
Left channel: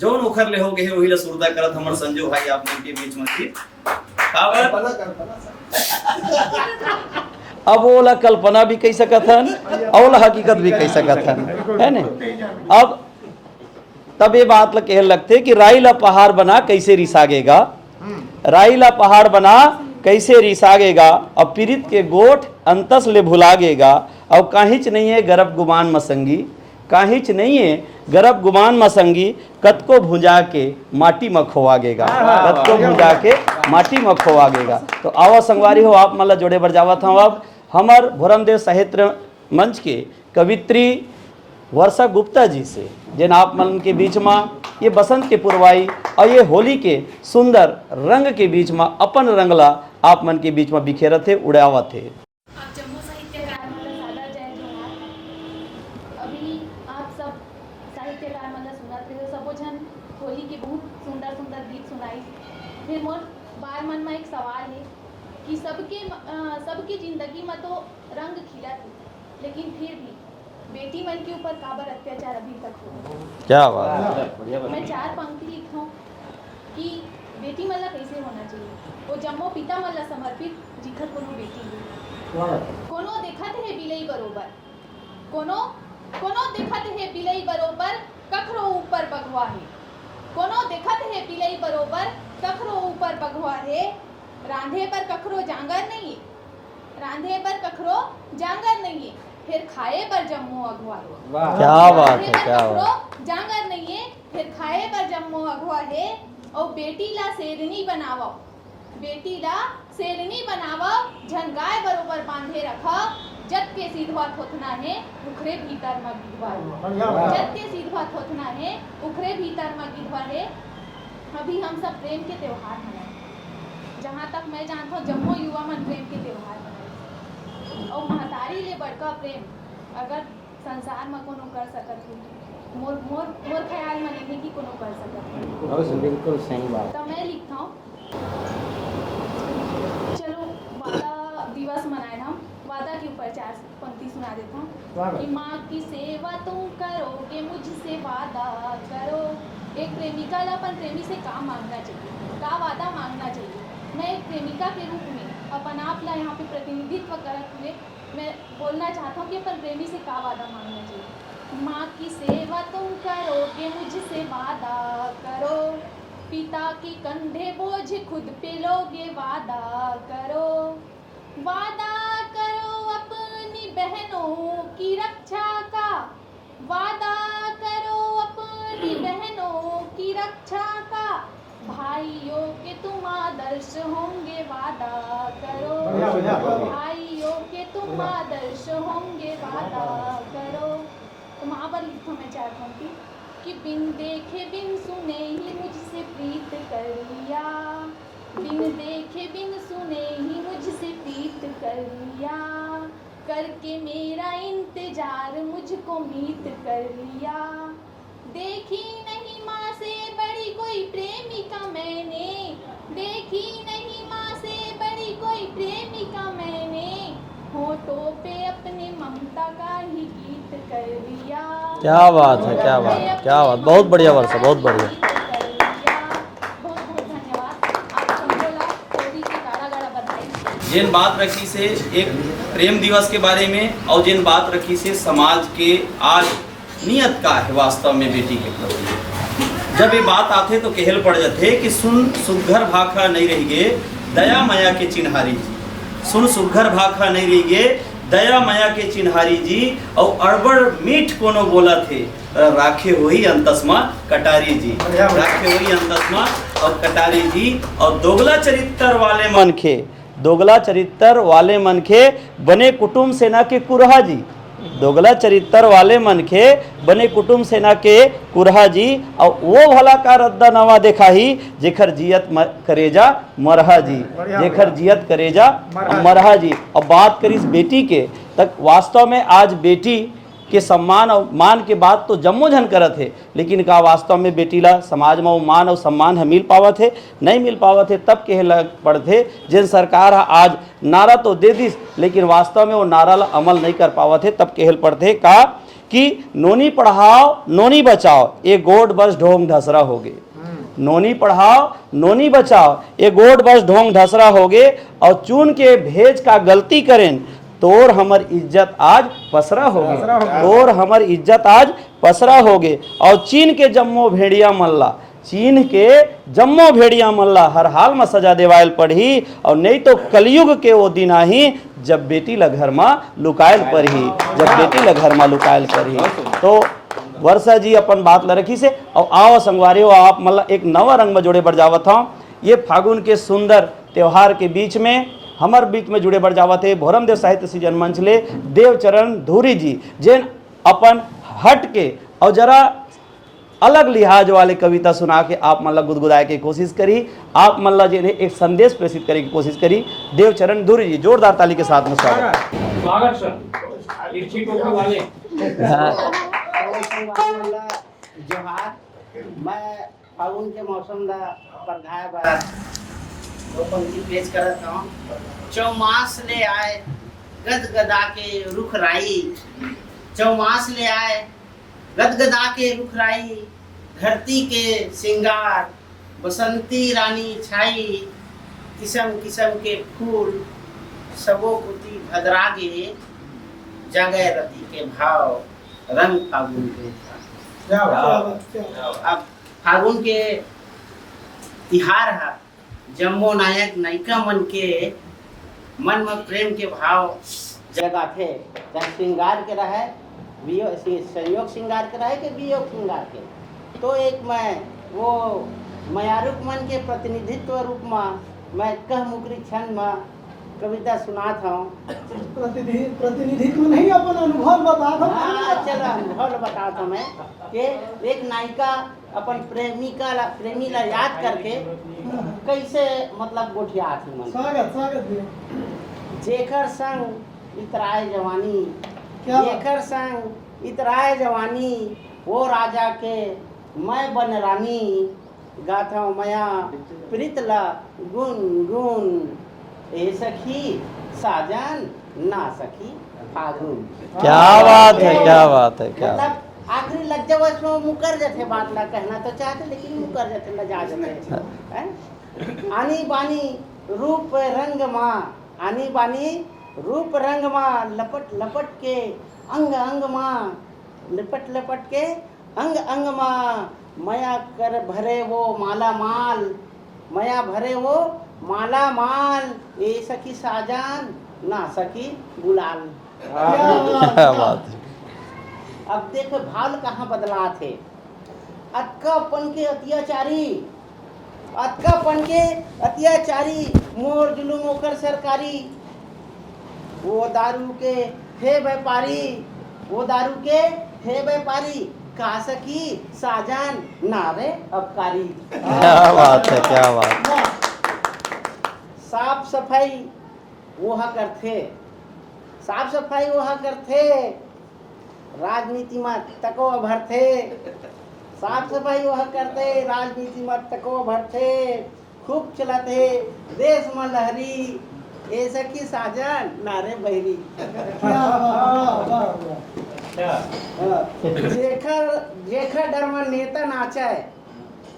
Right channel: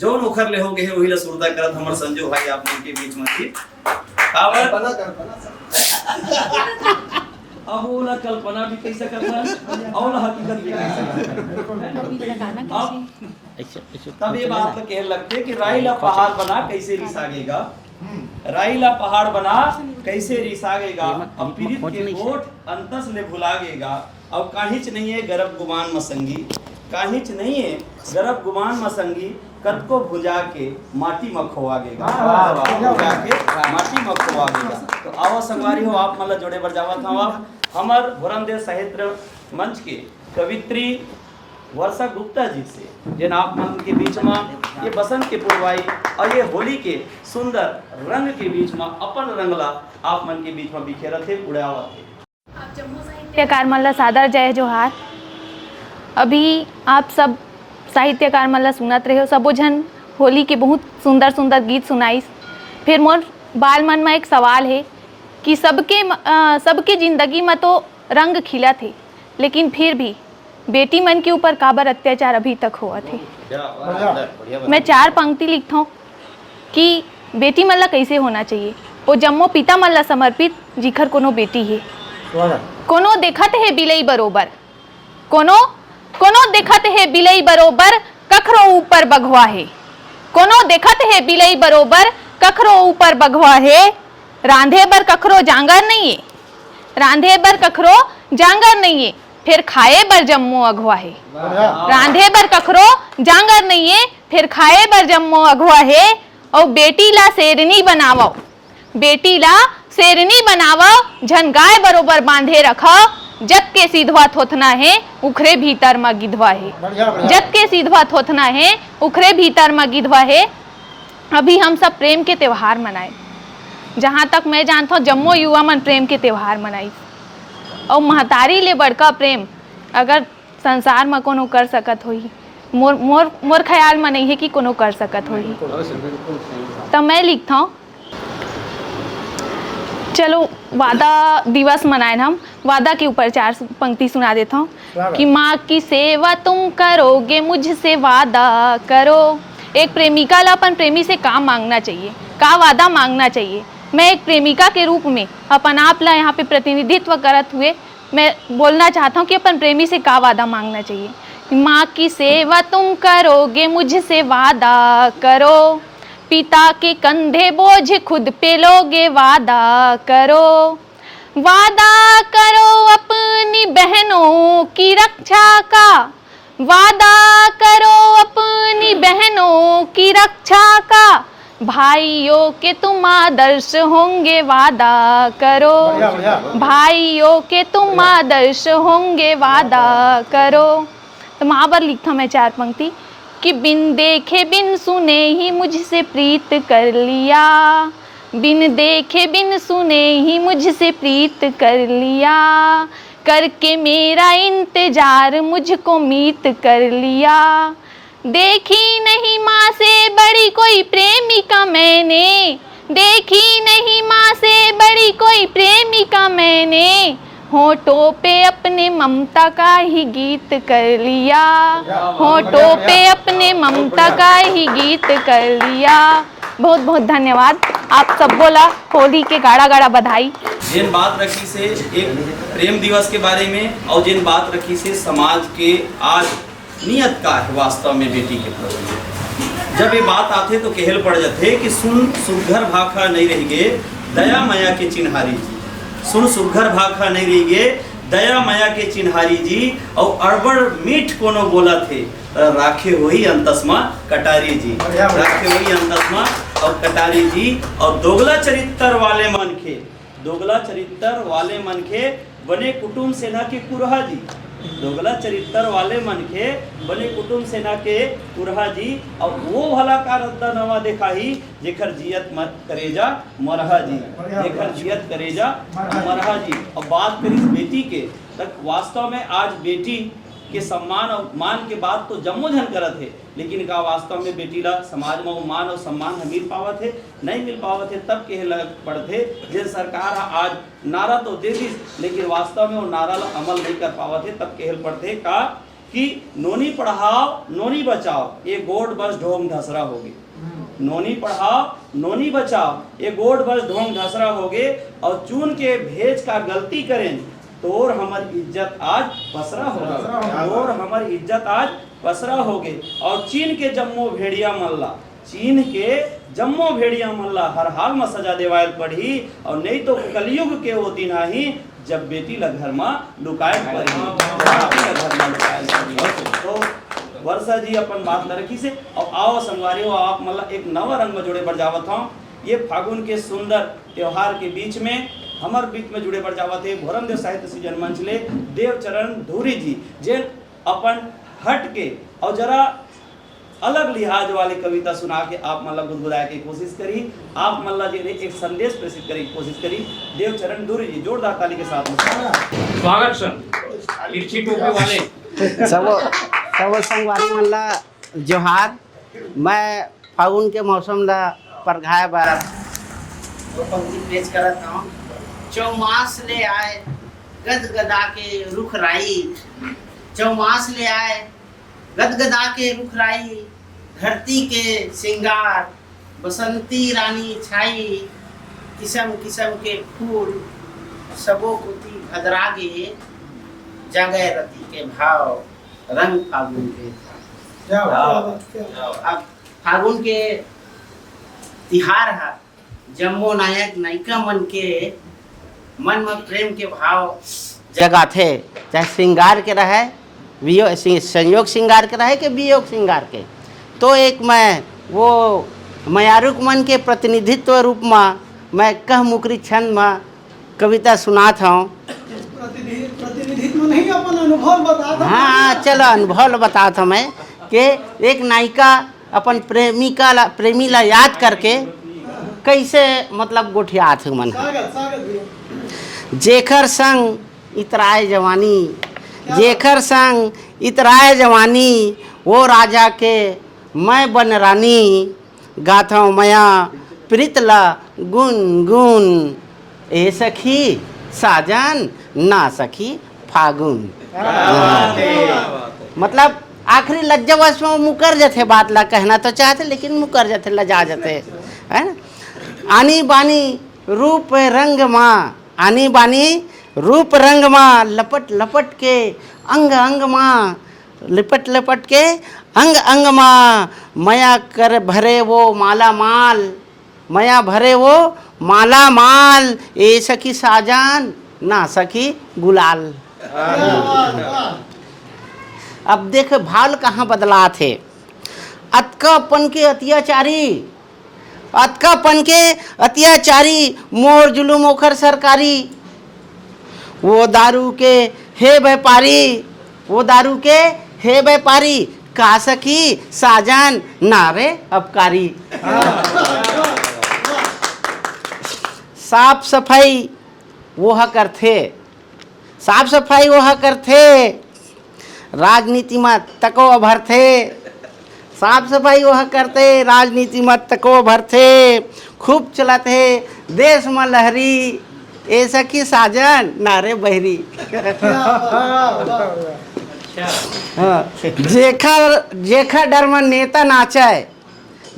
जौन ओखर ले हो गए वही ला सुरता करत हमर संजू भाई आपन के बीच में थी अब वो ला कल्पना भी कह सकत हन और ला हकीकत भी कह सकत हन है नहीं। अब तब ये बात कह लगते कि राई ला पहाड़ बना कैसे रिसागेगा राई ला पहाड़ बना कैसे रिसागेगा अब पीड़ित के गोठ अंतस ले भुलागेगा अब काहिच नहीं है गर्भ गुमान मसंगी काहिच नहीं है गर्भ गुमान मसंगी कतको भुंजा के माटी में खोवागेगा कतको भुंजा के माटी में खोवागेगा। तो आओ संगवारी हो आप मतलब जोड़े बढ़ जावत हूँ अब हमार भोरमदेव साहित्य मंच के कवित्री वर्षा गुप्ता जी से, जिन आप मन के बीच में ये बसंत के पुरवाई और ये होली के सुंदर रंग के बीच में अपन रंगला आप मन के बीच में बिखेरा थे, उड़ावा थे। आप जम्मू साहित्यकार मल्ला सादर जय जोहार। अभी आप सब साहित्यकार मल्ला सुनत रहे हो, सबो जन होली के बहुत सुंदर सुंदर गीत सुनाई। फिर मोर बाल मन में एक सवाल है कि सबके जिंदगी में तो रंग खिला थे, लेकिन फिर भी बेटी मन के ऊपर काबर अत्याचार अभी तक हुआ थे। क्या बात। मैं 4 पंक्ति लिखता हूँ कि बेटी मन ला कैसे होना चाहिए। वो जम्मो पिता मन ला समर्पित जिखर कोनो बेटी है। कोनो देखत है बिलई बरोबर, कोनो देखत है बिलई बरोबर, कखरो ऊपर बघवा है। कोनो देखत है बिलई बरोबर, कखरो ऊपर बघवा है। रांधे बर कखरो जांगर नहीं है, रांधे बर कखरो जांगर नहीं है, फिर खाए बर जम्मो अगवा है। रांधे बर कखरो जांगर नहीं है, फिर खाए बर जम्मो अगवा है। और बेटी ला शेरनी बनावो, बेटी ला शेरनी बनावो, झन गाय बरोबर बांधे रखो। जग के सीधवा थोथना है, उखरे भीतर में गिधवा है। जग के सीधवा थोथना है, उखरे भीतर में गिधवा है। अभी हम सब प्रेम के त्योहार मनाए, जहाँ तक मैं जानता हूँ जम्मो युवा मन प्रेम के त्योहार मनाई। और महतारी ले बड़का प्रेम अगर संसार में कोनो कर सकत होही, मोर ख्याल में नहीं है कि कोनो कर सकत होही। तो मैं लिखता हूँ, चलो वादा दिवस मनाए हम, वादा के ऊपर 4 पंक्ति सुना देता हूँ कि माँ की सेवा तुम करोगे, मुझसे वादा करो। एक प्रेमिका ला अपन प्रेमी से का मांगना चाहिए, का वादा मांगना चाहिए। मैं एक प्रेमिका के रूप में अपन आप ला यहाँ पे प्रतिनिधित्व करत हुए मैं बोलना चाहता हूँ कि अपन प्रेमी से का वादा मांगना चाहिए। माँ की सेवा तुम करोगे, मुझसे वादा करो। पिता के कंधे बोझ खुद पे लोगे, वादा करो। वादा करो अपनी बहनों की रक्षा का, वादा करो अपनी बहनों की रक्षा का। भाइयों के तुम आदर्श होंगे, वादा करो। भाइयों के तुम आदर्श होंगे, वादा करो। तो वहाँ पर लिखता मैं 4 पंक्ति कि बिन देखे बिन सुने ही मुझसे प्रीत कर लिया, बिन देखे बिन सुने ही मुझसे प्रीत कर लिया। करके मेरा इंतजार मुझको मीत कर लिया। देखी नहीं माँ से बड़ी कोई प्रेमिका मैंने, देखी नहीं माँ से बड़ी कोई प्रेमिका मैंने। होठों पे अपने ममता का ही गीत कर लिया, होठों पे अपने ममता का ही गीत कर लिया। बहुत बहुत धन्यवाद आप सब। बोला होली के गाड़ा गाड़ा बधाई। जिन बात रखी से एक प्रेम दिवस के बारे में और जिन बात रखी से समाज के आज नियत का है वास्तव में बेटी के प्रति। जब ये बात आते तो कहल पड़ जाते कि सुन सुघर भाखा नहीं रही गे दया माया के चिन्हारी जी। सुन सुघर भाखा नहीं रही गे दया माया के चिन्हारी जी। और अड़बड़ मीठ कोनो बोला थे राखे हुई अंतस्मा कटारी जी, राखे हुई अंतस्मा और कटारी जी। और दोगला चरित्र वाले मनखे, दोगला चरित्र वाले मनखे बने कुटुंब सेना के कुरहा जी। दोगला चरित्र वाले मनखे बने कुटुंब सेना के कुरहा जी। और वो भला का रद्दा नवा देखा ही जेखर जियत करेजा मरहा जी, जेखर जियत करेजा मरहा जी। और बात करी बेटी के तक वास्तव में आज बेटी के सम्मान और मान के बात तो जम्मो जन करत है, लेकिन का वास्तव में बेटी ला समाज में वो मान और सम्मान है मिल पावत है नहीं मिल पावत है। तब कहे लग पड़ते जिन सरकार आज नारा तो दे दी लेकिन वास्तव में वो नारा ला अमल नहीं कर पावत है। तब कहल पड़ते का कि नोनी पढ़ाओ नोनी बचाओ, ये गोड बस ढोंग ढसरा हो गए। नोनी पढ़ाओ नोनी बचाओ, ये गोड बस ढोंग ढसरा हो गए। और चुन के भेज का गलती करें तोर हमर इज्जत आज पसरा हो गए, तोर हमर इज्जत आज पसरा हो गए। और चीन के जम्मो भेड़िया मल्ला, चीन के जम्मो भेड़िया मल्ला हर हाल में सजा देवायल पड़ी। और नहीं तो कलयुग के वो दिन आई जब बेटी ला घर में लुकायल पड़ी, जब बेटी ला घर में लुकायल पड़ी। तो वर्षा जी अपन बात ला रखी से और आओ संगवारी हो आप मतलब एक नवा रंग में जोड़े बढ़ जावत हूँ। ये फागुन के सुंदर त्योहार के बीच में हमार बीच में जुड़े बढ़ जावत है भोरमदेव साहित्य सृजन मंच ले देवचरण धूरी जी, जिन अपन हट के और जरा अलग लिहाज वाले कविता सुना के आप मतलब गुदगुदाए की कोशिश करी, आप मतलब जो एक संदेश प्रेषित करने की कोशिश करी। देवचरण धुरी जी, जोरदार ताली के साथ में स्वागत सर। तिरछी टोपी वाले सब संगवारी मन ला जोहार। मैं फागुन के मौसम ला परघाए बार वो पंक्ति पेश करत हूँ। चौमास ले आए गदगदा के रुख राई, चौमास ले आए गदगदा के रुख राई, धरती के सिंगार बसंती रानी छाई, किस्म किस्म के फूल सबो कुती भदरागे, जगह रति के भाव रंग फागुन के। अब फागुन के तिहार है, जम्मो नायक नायिका मन के मन में प्रेम के भाव जगाथे, चाहे श्रृंगार के रहे, संयोग श्रृंगार के रहे कि वियोग श्रृंगार के। तो एक मैं वो मयारुक मन के प्रतिनिधित्व रूप में मैं कह मुकरी छंद में कविता सुनात हूँ। प्रतिनिधित्व नहीं, अपन अनुभव बता। हाँ चलो अनुभव बताता हूँ मैं कि एक नायिका अपन प्रेमी ला याद करके कैसे मतलब गोठियात हूँ मन। जेखर संग इतराए जवानी, जेखर संग इतराए जवानी, वो राजा के मैं बन रानी, गाथा मया प्रीतला गुन गुन, ए सखी साजन ना सखी फागुन। क्या बात है, क्या बात है। मतलब आखिरी लज्जावश में मुकर जाते, बात ला कहना तो चाहते लेकिन मुकर जाते, लजा जाते है ना। आनी बानी रूप रंग माँ, आनी बानी रूप रंग माँ, लपट लपट के अंग अंग माँ, लिपट लिपट के अंग अंग माँ, मया कर भरे वो माला माल, मया भरे वो माला माल, ए सखी साजान ना सखी गुलाल। अब देख भाल कहाँ बदला थे। अतकापन के अत्याचारी, अतकापन के अत्याचारी, मोर जुलूम ओखर सरकारी, वो दारू के हे व्यापारी, वो दारू के हे व्यापारी, का सखी साजन नारे अपकारी। क्या बात है, क्या बात है। साफ सफाई वह करते, साफ सफाई वह करते, राजनीति में तको भरते, साफ सफाई वह करते, राजनीति में तको भरते, खूब चलते देश में लहरी, ए सखी साजन नारे बहरी। जेखर जेखर डर में नेता नाचे,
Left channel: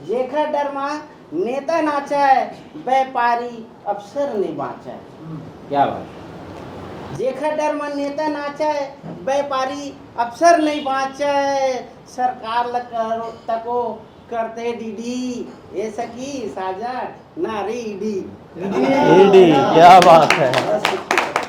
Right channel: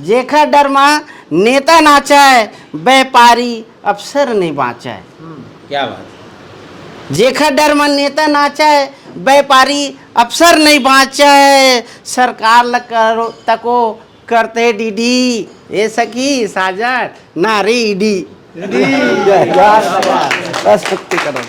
जेखर डर में नेता नाचे, व्यापारी अफसर नहीं बाँचे। क्या बात। जेखर डर में नेता नाचे, व्यापारी अफसर नहीं बाँचे, सरकार ल करो तको करते डीडी, ए सखी साजन नारे ईडी। क्या बात है। बस पुक्ति करो।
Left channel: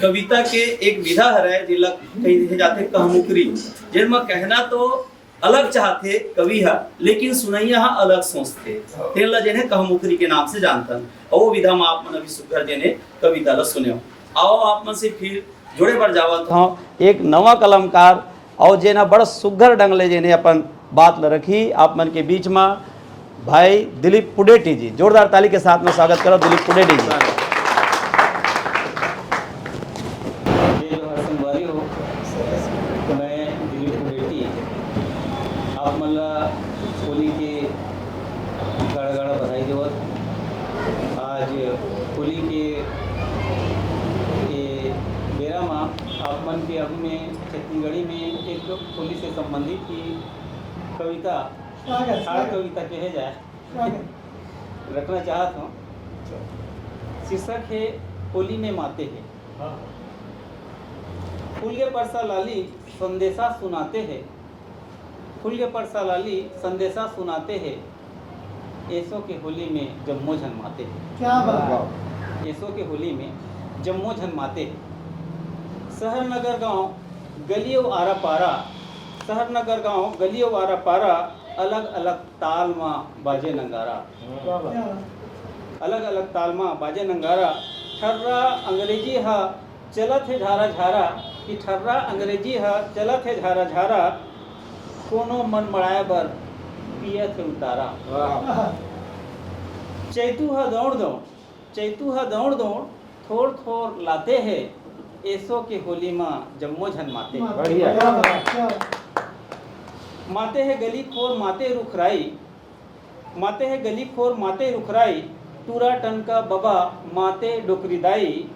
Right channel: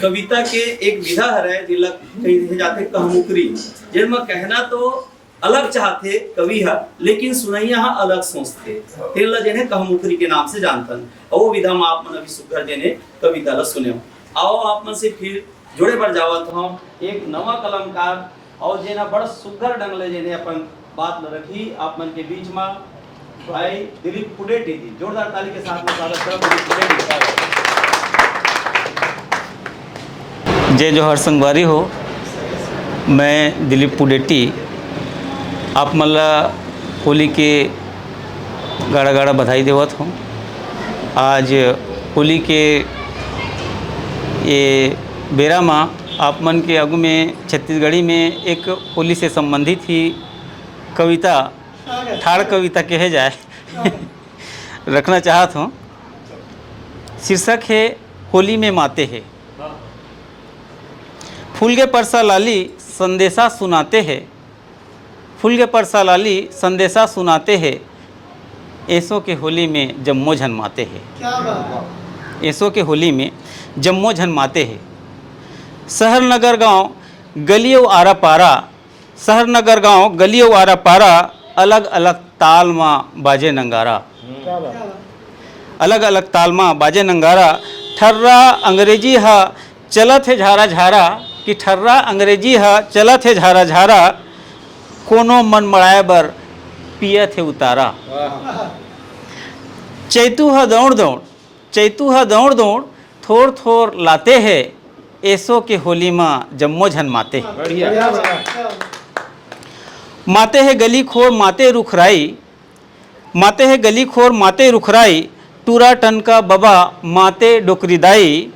कविता के एक विधा है जिला कही जाते कहमुकरी, जिनमें कहना तो अलग चाहते कवि है लेकिन सुनैया अलग सोचते, तेला जेने कहमुकरी के नाम से जानतन। और वो विधा में आप मन अभी सुघर जेने कविता ला सुने। आओ आप मन से फिर जोड़े पर जावत हूँ एक नवा कलमकार और जेना बड़ा सुघर ढंग ले जेने अपन बात ला रखी आप मन के बीच में, भाई दिलीप पुडेटी जी। जोरदार ताली के साथ में स्वागत करो दिलीप पुडेटी जी। जय जोहर संगवारी हो, मैं दिलीप पुडेटी आप मल्ला होली के गाड़ा गाड़ा बधाई देवत हूँ। आज होली के ये बेरा माँ आप मन के आगू में छत्तीसगढ़ी में एक होली से संबंधित ही कविता, ठाड़ कविता कहे जाए रखना चाहत हूँ। शीर्षक है होली में माते हैं। फूल के परसा लाली संदेशा सुनाते हैं, फूल के परसा लाली संदेशा सुनाते हैं, ऐसों के होली में जम्मो झनमाते हैं, ऐसों के होली में जम्मो झनमाते हैं। शहर नगर गांव गलियों आरा पारा, शहर नगर गांव गलियों आरा पारा, अलग अलग ताल में बाजे नंगारा, अलग अलग ताल में बाजे नंगारा। ठर्रा अंग्रेजी हा चलत है झारा झारा, कि ठर्रा अंग्रेजी हा चलत है झारा झारा, कोनो मन मड़ाए बर पियत है उतारा। चैतू हा दौड़ दौड़, चैतू हा दौड़ दौड़, थोड़ थोड़ लाते है, ऐसो के होली माँ जम्मो झन माते है। माते है गली खोर माते रुखराई, माते है गली खोर माते रुखराई, टूरा टनका बबा माते डोकरीदाई।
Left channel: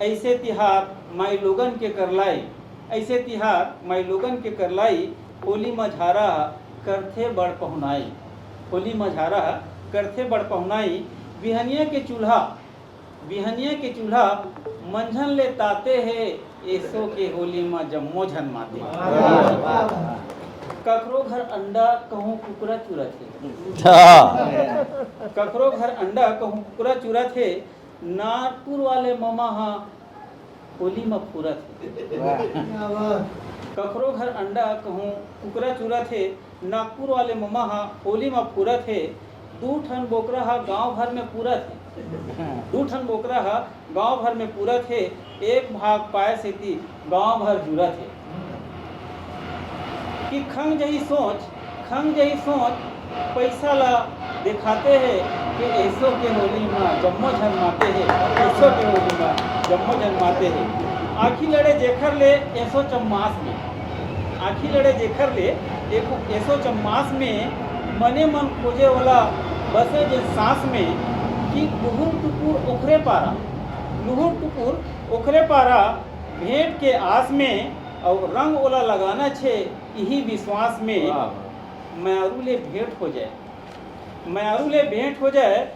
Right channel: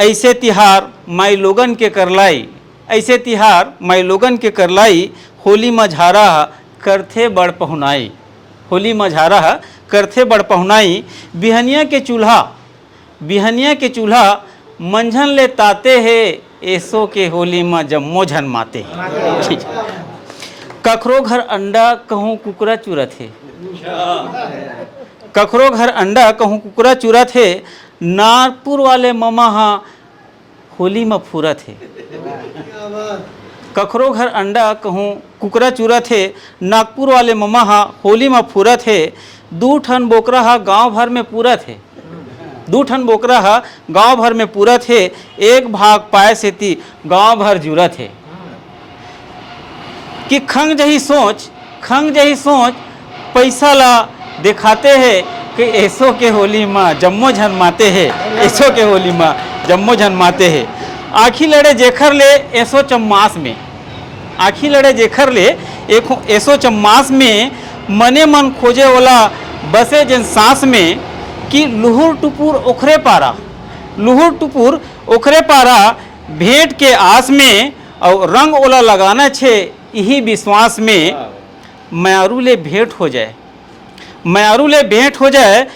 ऐसे तिहार माई लोगन के करलाई, ऐसे तिहार माई लोगन के करलाई, होली मझारा करथे बड़ पहुनाई, होली मझारा करथे बड़ पहुनाई। बिहनिया के चूल्हा, बिहनिया के चूल्हा मंझन ले ताते है, ऐसो के होली में जम्मो झन माते। ठीक है। कखरो घर अंडा कहूँ कुकरा चुरत है, कखरो घर अंडा कहूँ कुकरा चुरत है, नागपुर वाले ममा हाँ होली में फूरत है। कखरो घर अंडा कहूँ कुकरा चुरत है, नागपुर वाले ममा हाँ होली में फूरत है। 2 ठन बोकरा हा गांव भर में पूरत है, 2 ठन बोकरा हा गांव भर में पूरत है, एक भाग पाए सेती गांव भर जुरत है। कि खंग जही सोच, खंग जही सोच, पैसा ला दिखाते हैं कि ऐसो के होली माँ जम्मो झन माते हैं, ऐसो के होली माँ जम्मो झन माते हैं। आखी लड़े जेखर ले ऐसो चम्मास में, आखी लड़े जेखर ले एक ऐसो चम्मास में, मने मन खोजे वाला बसे जिन सांस में, कि लुहुर टुपुर ओखरे पारा, लुहुर टुपुर ओखरे पारा, भेंट के आस में और रंग ओला लगाना छे यही विश्वास में, म्यारू ले भेंट हो जाए, म्यारू ले भेंट हो जाए।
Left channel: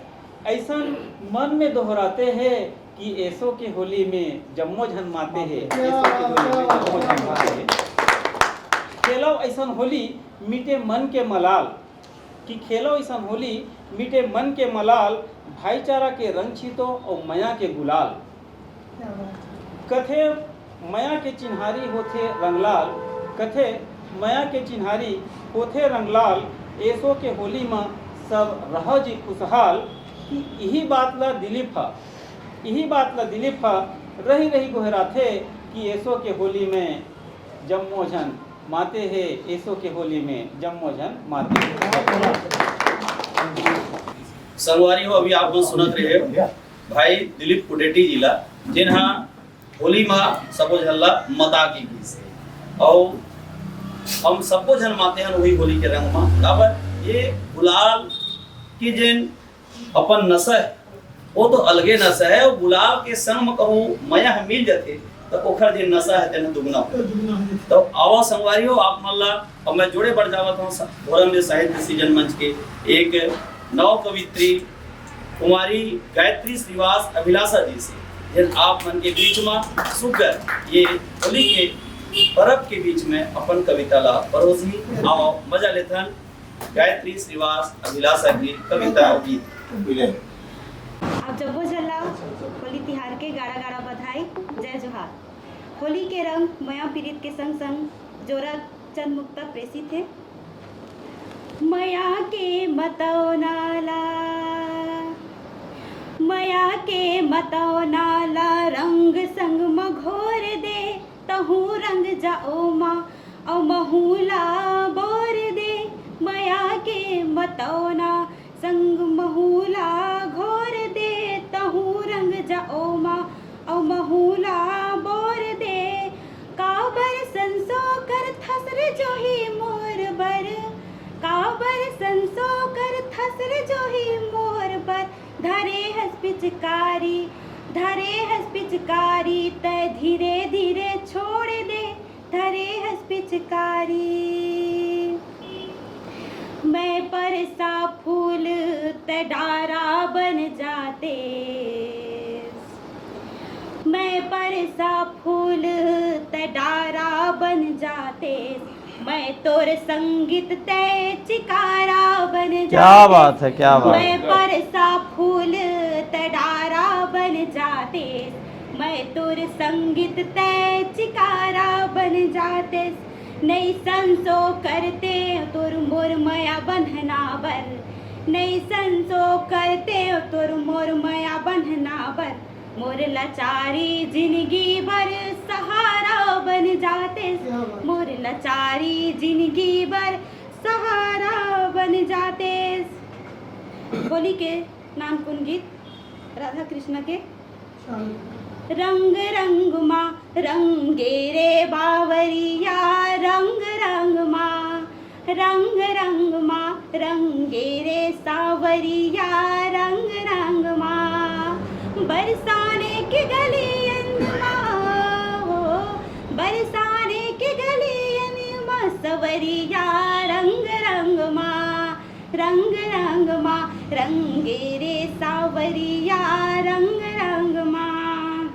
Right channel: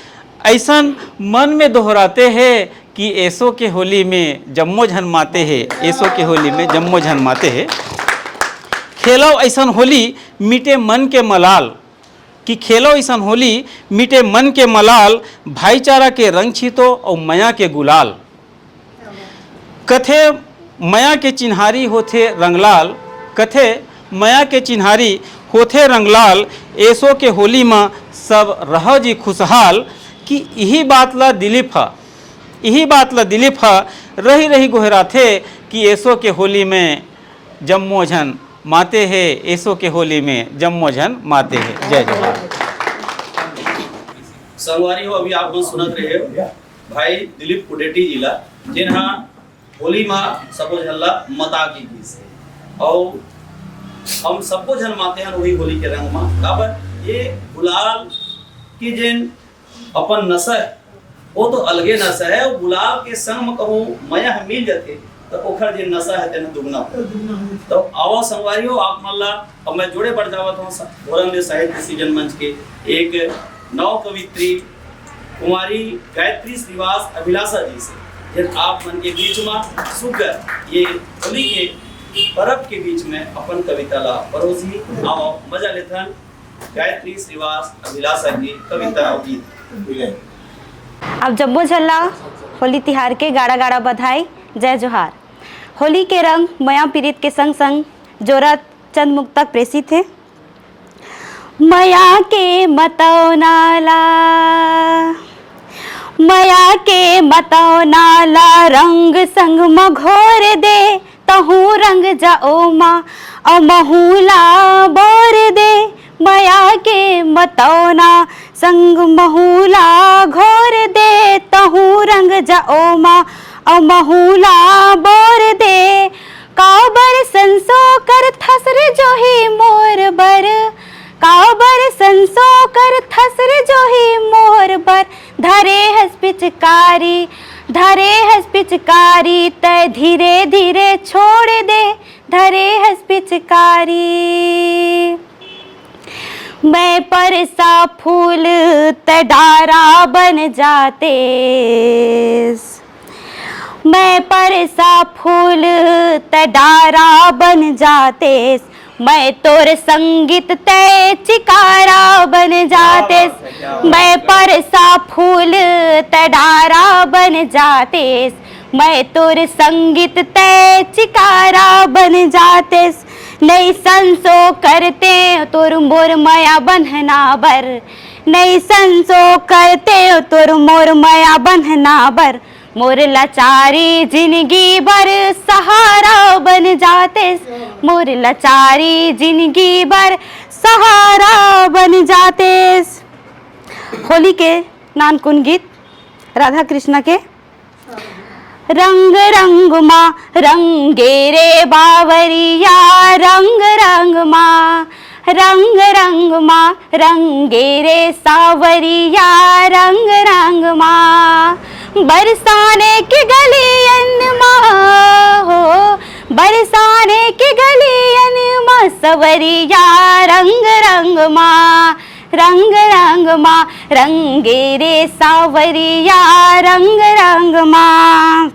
ऐसा मन में दोहराते हैं कि ऐसो के होली में जम्मो झन माते हैं, ऐसो के होली में जम्मो झन माते हैं। खेलो ऐसा होली मीटे मन के मलाल, कि खेलो ऐसा होली मीटे मन के मलाल, भाईचारा के रंग छीतो और मया के गुलाल। कथे मया के चिन्हारी होथे रंगलाल, कथे मया के चिन्हारी होथे रंगलाल, ऐसो के होली में सब रह जी खुशहाल। कि यही बात ला दिलीप हा, यही बात ला दिलीप हा रही रही गोहराथे, कि ऐसो के होली में जम्मो झन माते हैं, ऐसो के होली में जम्मो झन माते हैं। जय जय। संगवारी हो अभी आप लोग सुनत रहे हो भाई दिलीप कुडेटी जिला, जिन्हा होली माँ सबो झल्ला मता की गीस और हम सबको झन माते हैं वही होली के रंग माँ। काबर ये गुलाल की जिन अपन नशा है वो तो अलगे नशा है, और गुलाल के संग में कहूँ मया मिल जाते तो ओखर जिन नशा है तेना दुगना। तो आओ संगवारी हो आप मल्ला, अब मैं जोड़े बढ़ जावत हूँ धोरम साहित्य सीजन मंच के एक नव कवित्री कुमारी गायत्री श्रीवास अभिलाषा जी से, जिन आप मन के बीच में सुकर ये होली के पर्व के बीच में अपन कविता ला परोसी। आओ मजा लेथन गायत्री श्रीवास अभिलाषा की कविता और गीत। अब जम्मो झल्ला होली तिहार के गाड़ा गाड़ा बधाई, जय जोहार। होली के रंग मया पीड़ित के संग संग जोरा चंद मुक्त तक प्रेषित है। मया के मतौ नाला, मया के मतौ नाला, रंग संग मघोर दे, तहु रंग जाओ माँ अमहुला बोर दे। मया के मतौना संग महुला घोर दे, तहु रंग जाओ माँ अमहुला बोर दे। काबर संसो कर थसर जो ही मोर बर, काबर संसो कर थसर जो ही मोर बर। धरे हस पिचकारी, धरे हस पिचकारी, तय धीरे धीरे छोड़ दे, धरे हस पिचकारी। मैं परसा फूल तय डारा बन जाते, मैं परसा फूल तय डारा बन जाते। मैं तोर संगीत तय चिकारा बन जाते। मैं परसा फूल तय डारा बन जाते। मैं तोर संगीत तय चिकारा बन जाते। नहीं संसो करते तोर मोर माया बंधना बर, नहीं संसो करते तोर मोर माया बंधना बर। मोर लाचारी जिंदगी भर सहारा बन जाते, मोर लाचारी जिंदगी भर सहारा बन जाते। होली के नानकुन गीत राधा कृष्ण के। रंग रंग माँ रंगे रे बावरिया, रंग रंग माँ रंग रंग माँ रंगे रे सावरिया, रंग रंग माँ बरसाने की गलियन माँ हो, बरसाने की गलियन माँ सवरिया, रंग रंग माँ रंग रंग माँ रंगे रे सावरिया, रंग रंग माँ।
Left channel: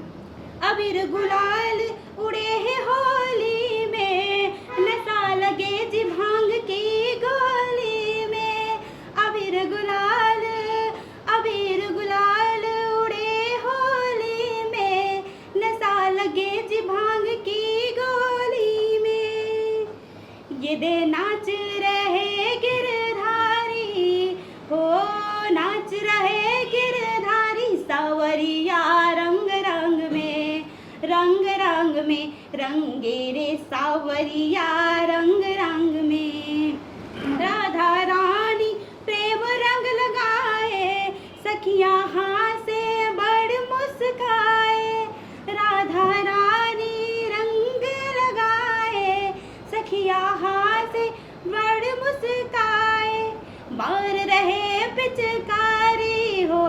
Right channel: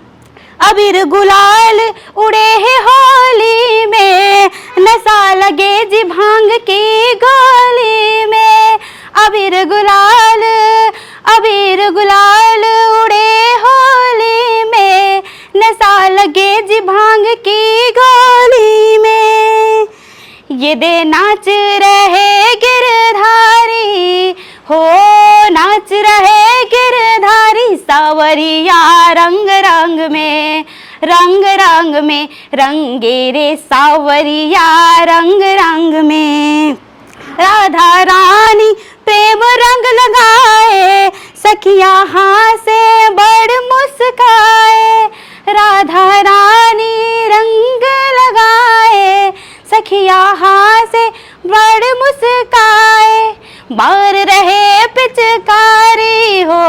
अबीर गुलाल उड़े है होली में, नशा लगे जी भांग की गोली में। अबीर गुलाल उड़े होली में, नशा लगे जी भांग की गोली में। ये दे नाच रहे गिरधारी हो, नाच रहे गिरधारी सावरिया, रंग रंग में रंग रंग में रंगे रे सावरिया, रंग रंग में। राधा रानी प्रेम रंग लगाए, सखिया हासे बड़ मुस्काए। राधा रानी रंग लगाए, सखिया हासे बड़ मुस्काए। मार रहे पिचकारी हो,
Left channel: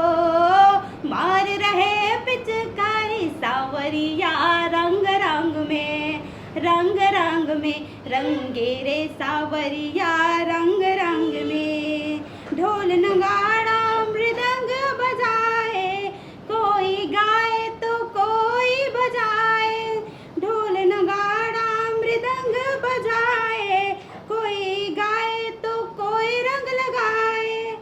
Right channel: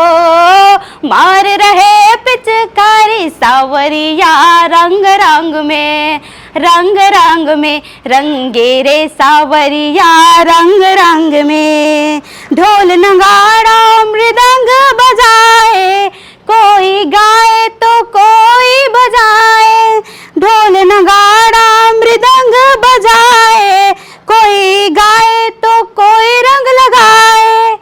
मार रहे पिचकारी सावरिया, रंग रंग में रंगे रे सावरिया, रंग रंग में। ढोल नगाड़ा मृदंग बजाए, कोई गाए तो कोई बजाए। ढोल नगाड़ा मृदंग बजाए, कोई गाए तो कोई रंग लगाए।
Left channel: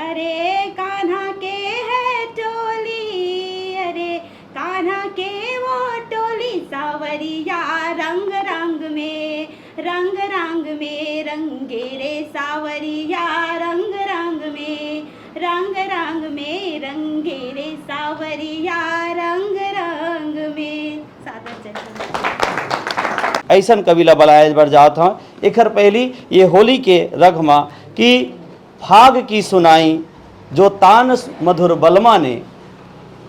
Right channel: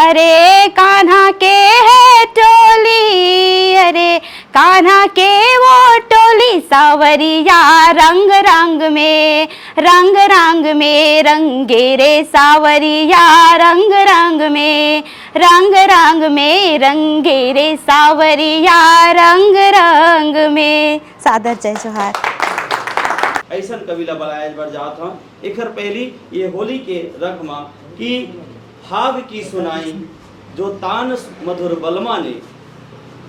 अरे कान्हा के है टोली, अरे कान्हा के वो टोली सावरिया, रंग रंग में रंगे रे सावरिया, रंग रंग में रंगे रे सावरिया, रंग रंग में। सादर जय जोहार। ऐसन कबीला बलाय बढ़ जात हाँ। एकर पहली ये होली के रगमा कि फाग की सुनाई जो तान मधुर बलमा ने,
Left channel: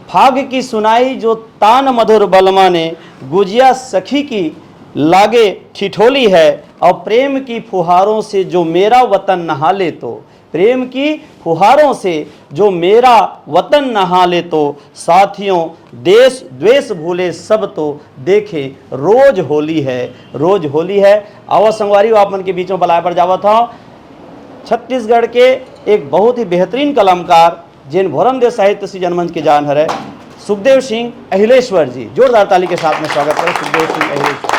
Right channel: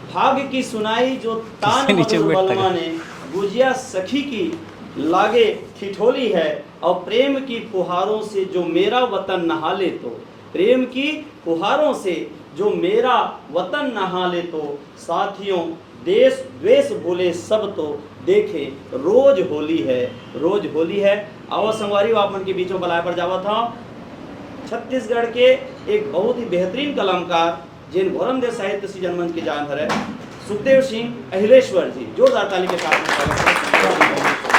फाग की सुनाई जो तान मधुर बलमा ने, गुजिया सखी की लागे ठिठोली है। और प्रेम की फुहारों से जो मेरा वतन नहा ले तो, प्रेम की फुहारों से जो मेरा वतन नहा ले तो, साथियों देश द्वेष भूले सब तो देखे रोज होली है, रोज होली है। आवा संगवारी आपन के बीच में बलाय पर जावा था छत्तीसगढ़ के एक बहुत ही बेहतरीन कलाकार जिन भोरम देव साहित्य सी जनमंच के जान हरे सुखदेव सिंह अहिलेश्वर जी। जोरदार ताली के साथ में स्वागत है सुखदेव सिंह अहिलेश्वर।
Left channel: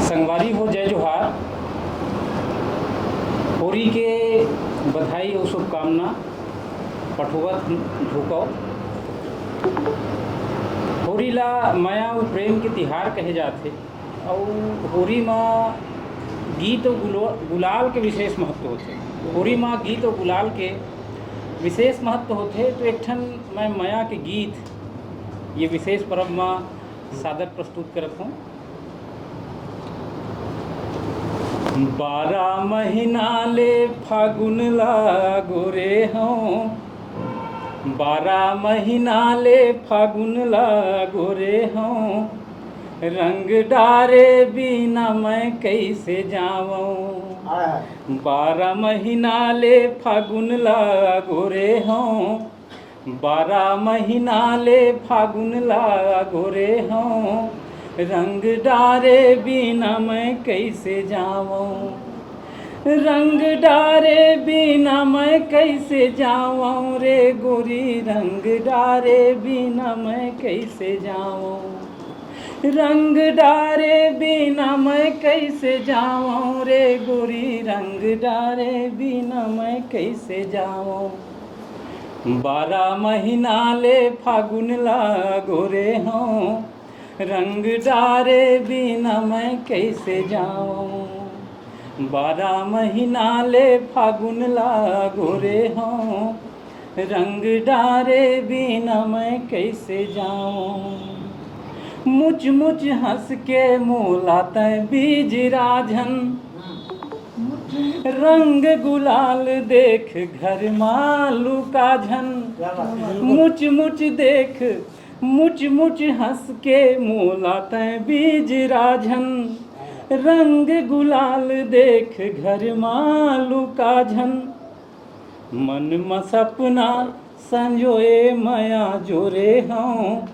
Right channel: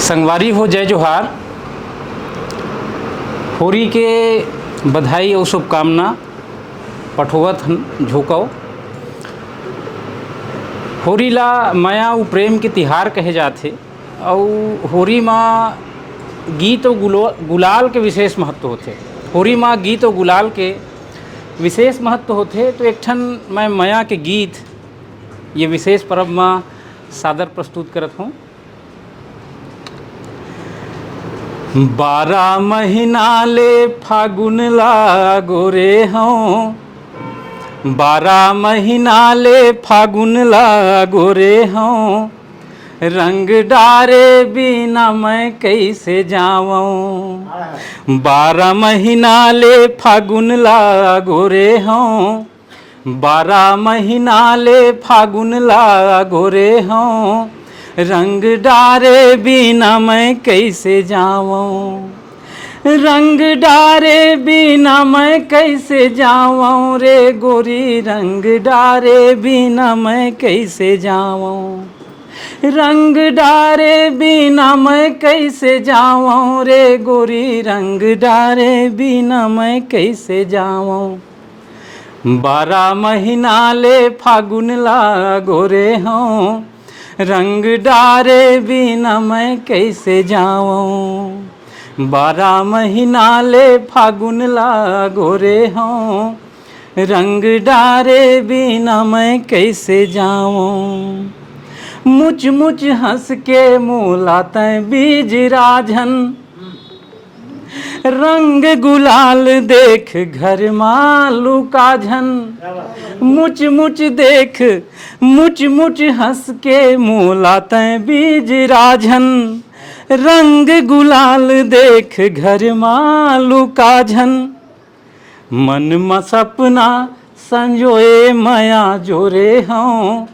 संगवारी हो जय जोहार। होली के बधाई और शुभकामना पठोवत झोंकौ। होली ला माया और प्रेम के तिहार कहे जाते और होली माँ गीत और गुलाल के विशेष महत्व होते। होली माँ गीत और गुलाल के विशेष महत्व होते। तो एक ठन मैं माया के गीत ये विशेष पर्व में सादर प्रस्तुत करत हूँ। 12 महीना ले फागुन लागो रे हूँ, 12 महीना ले फागुन लागो रे हूँ, रंग डारे बिना मैं कैसे जाऊँ। 12 महीना ले फागुन लागो रे हूँ, 12 महीना ले फागुन लागो रे हूँ, रंग डारे बिना मैं कैसे जाऊँ। रंग डारे बिना मैं कैसे जाऊँ रे गोरी, रंग डारे बिना मैं कैसे जाऊँ। रंग डारे बिना मैं कैसे जाऊँ रे गोरी, रंग डारे बिना मैं कैसे जाऊँ। 12 महीना ले फागुन लागो रे हूँ, रंग डारे बिना मैं कैसे जाऊँ। 12 महीना ले फागुन लागो रे हूँ, रंग डारे बिना मैं कैसे जाऊं। मुच मुच हंस के मुलाते बीज राझन, रंग गुलाल देख घर मालू का झन। मुच मुच देख मुच मुच हंस के मुलाते बीज राझन, रंग गुलाल देख घर मालू का झन। मन में सपना संजोए माया जोरे हूँ,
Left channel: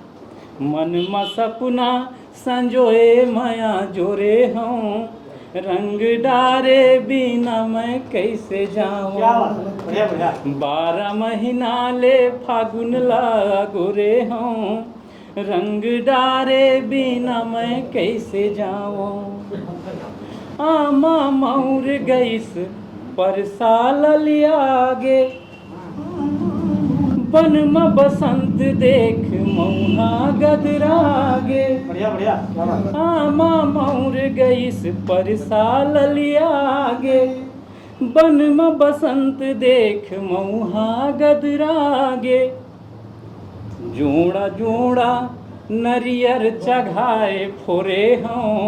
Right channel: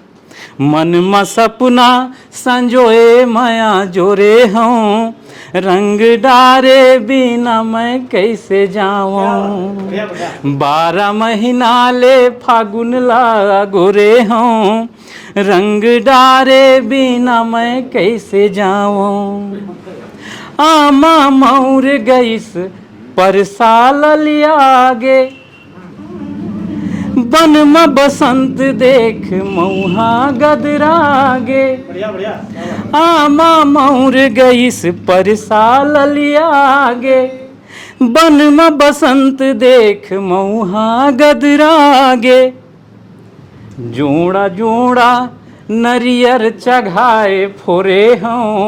मन में सपना संजोए माया जोरे हूँ। रंग डारे बिना मैं कैसे जाऊँ। 12 महीना ले फागुन ला गोरे हूँ, रंग डारे बिना मैं कैसे जाऊँ। आमा मौर गईस पर साल लियागे, बन में बसंत देख मऊहा गदरागे। आमा मौर गईस पर साल लियागे, बन में बसंत देख मऊहा गदरागे। जोड़ा जोड़ा नरियर चघाए फोरे हूँ,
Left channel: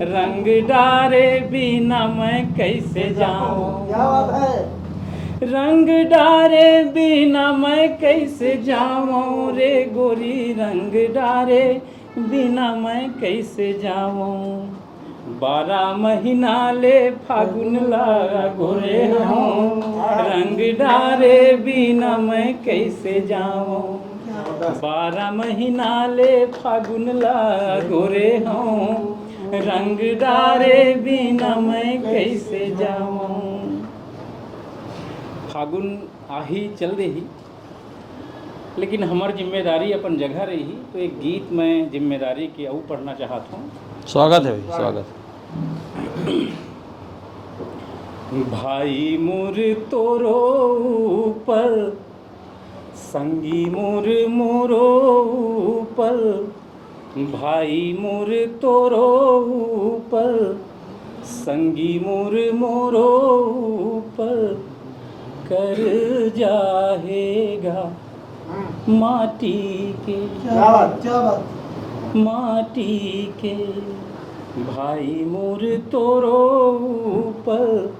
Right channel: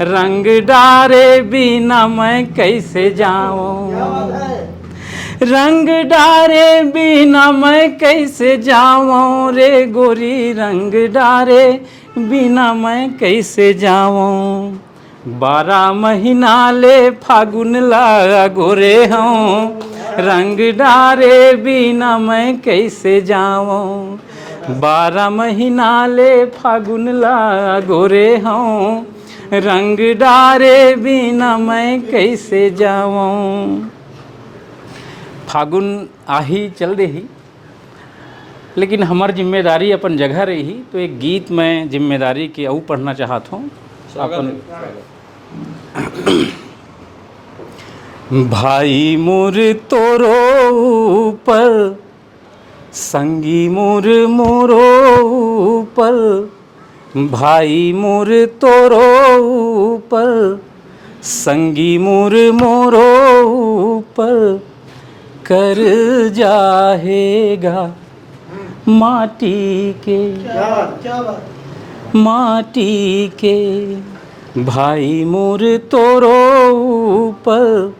रंग डारे बिना मैं कैसे जाऊँ। रंग डारे बिना मैं कैसे जाऊँ रे गोरी, रंग डारे बिना मैं कैसे जाऊँ। 12 महीना ले फागुन ला गोरे हूँ, रंग डारे बिना मैं कैसे जाऊँ। 12 महीना ले फागुन ला गोरे हूँ, रंग डारे बिना मैं कैसे जाऊँ। फागुन आही चल रही, लेकिन हमार जिम्मेदारी अपन जगह रही, तो एक गीत में जिम्मेदारी के अऊ पढ़ना चाहता हूँ। स्वागत है, स्वागत। भाई मोर तोरो ऊपर, संगी मोर मोरो ऊपर। भाई मोर तोरो ऊपर, संगी मोर मोरो ऊपर। कर जाहेगा माटी के, माटी के। भाई मोर तोरो ऊपर,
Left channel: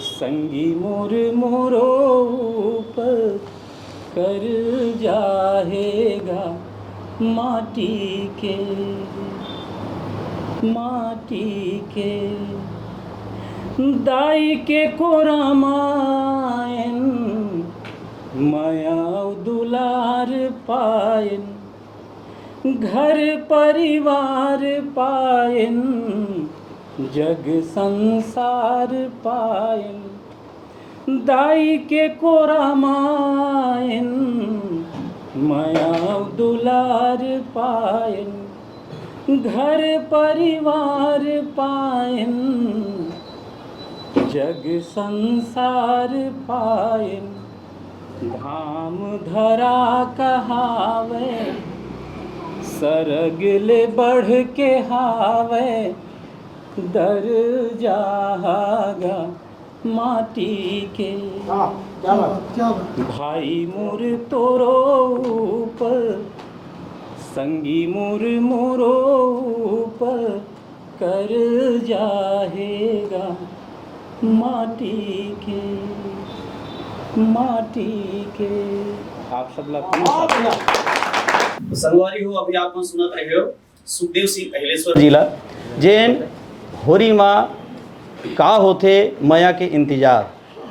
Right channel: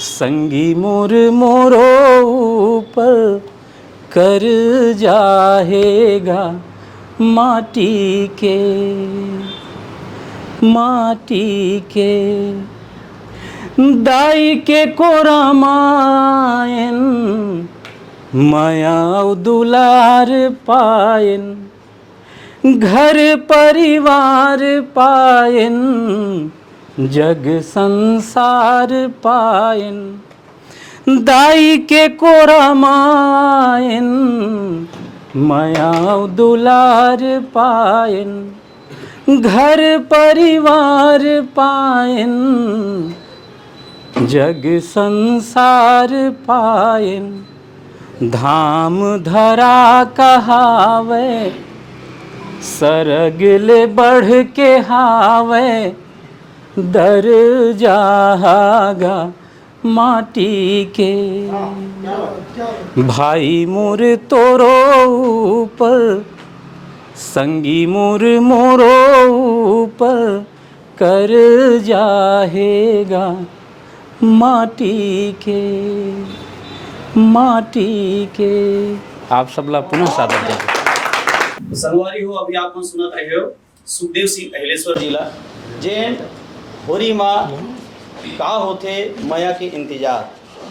संगी मोर मोरो ऊपर। कर जाहेगा माटी के, माटी के। दाई के कोरा मायन, माया दुलार पायन। घर परिवार पायन, जग संसार पायन। दाई के कोरा मायन, माया दुलार पायन। घर परिवार पायन, जग संसार पायन। धाम धरा कहावे, सरग ले बढ़ के हावे। दर जागा माटी के, भाई मोर तोरो ऊपर, संगी मोर मोरो ऊपर। कर जाहेगा माटी के, माटी के। आप सबला पुनः सादर। संगवारी हो, अभी आप सुनत रहे हो सुखदेव सिंह अहिलेश्वर जिला जेन होरी माँ का होथे माया के इंतजार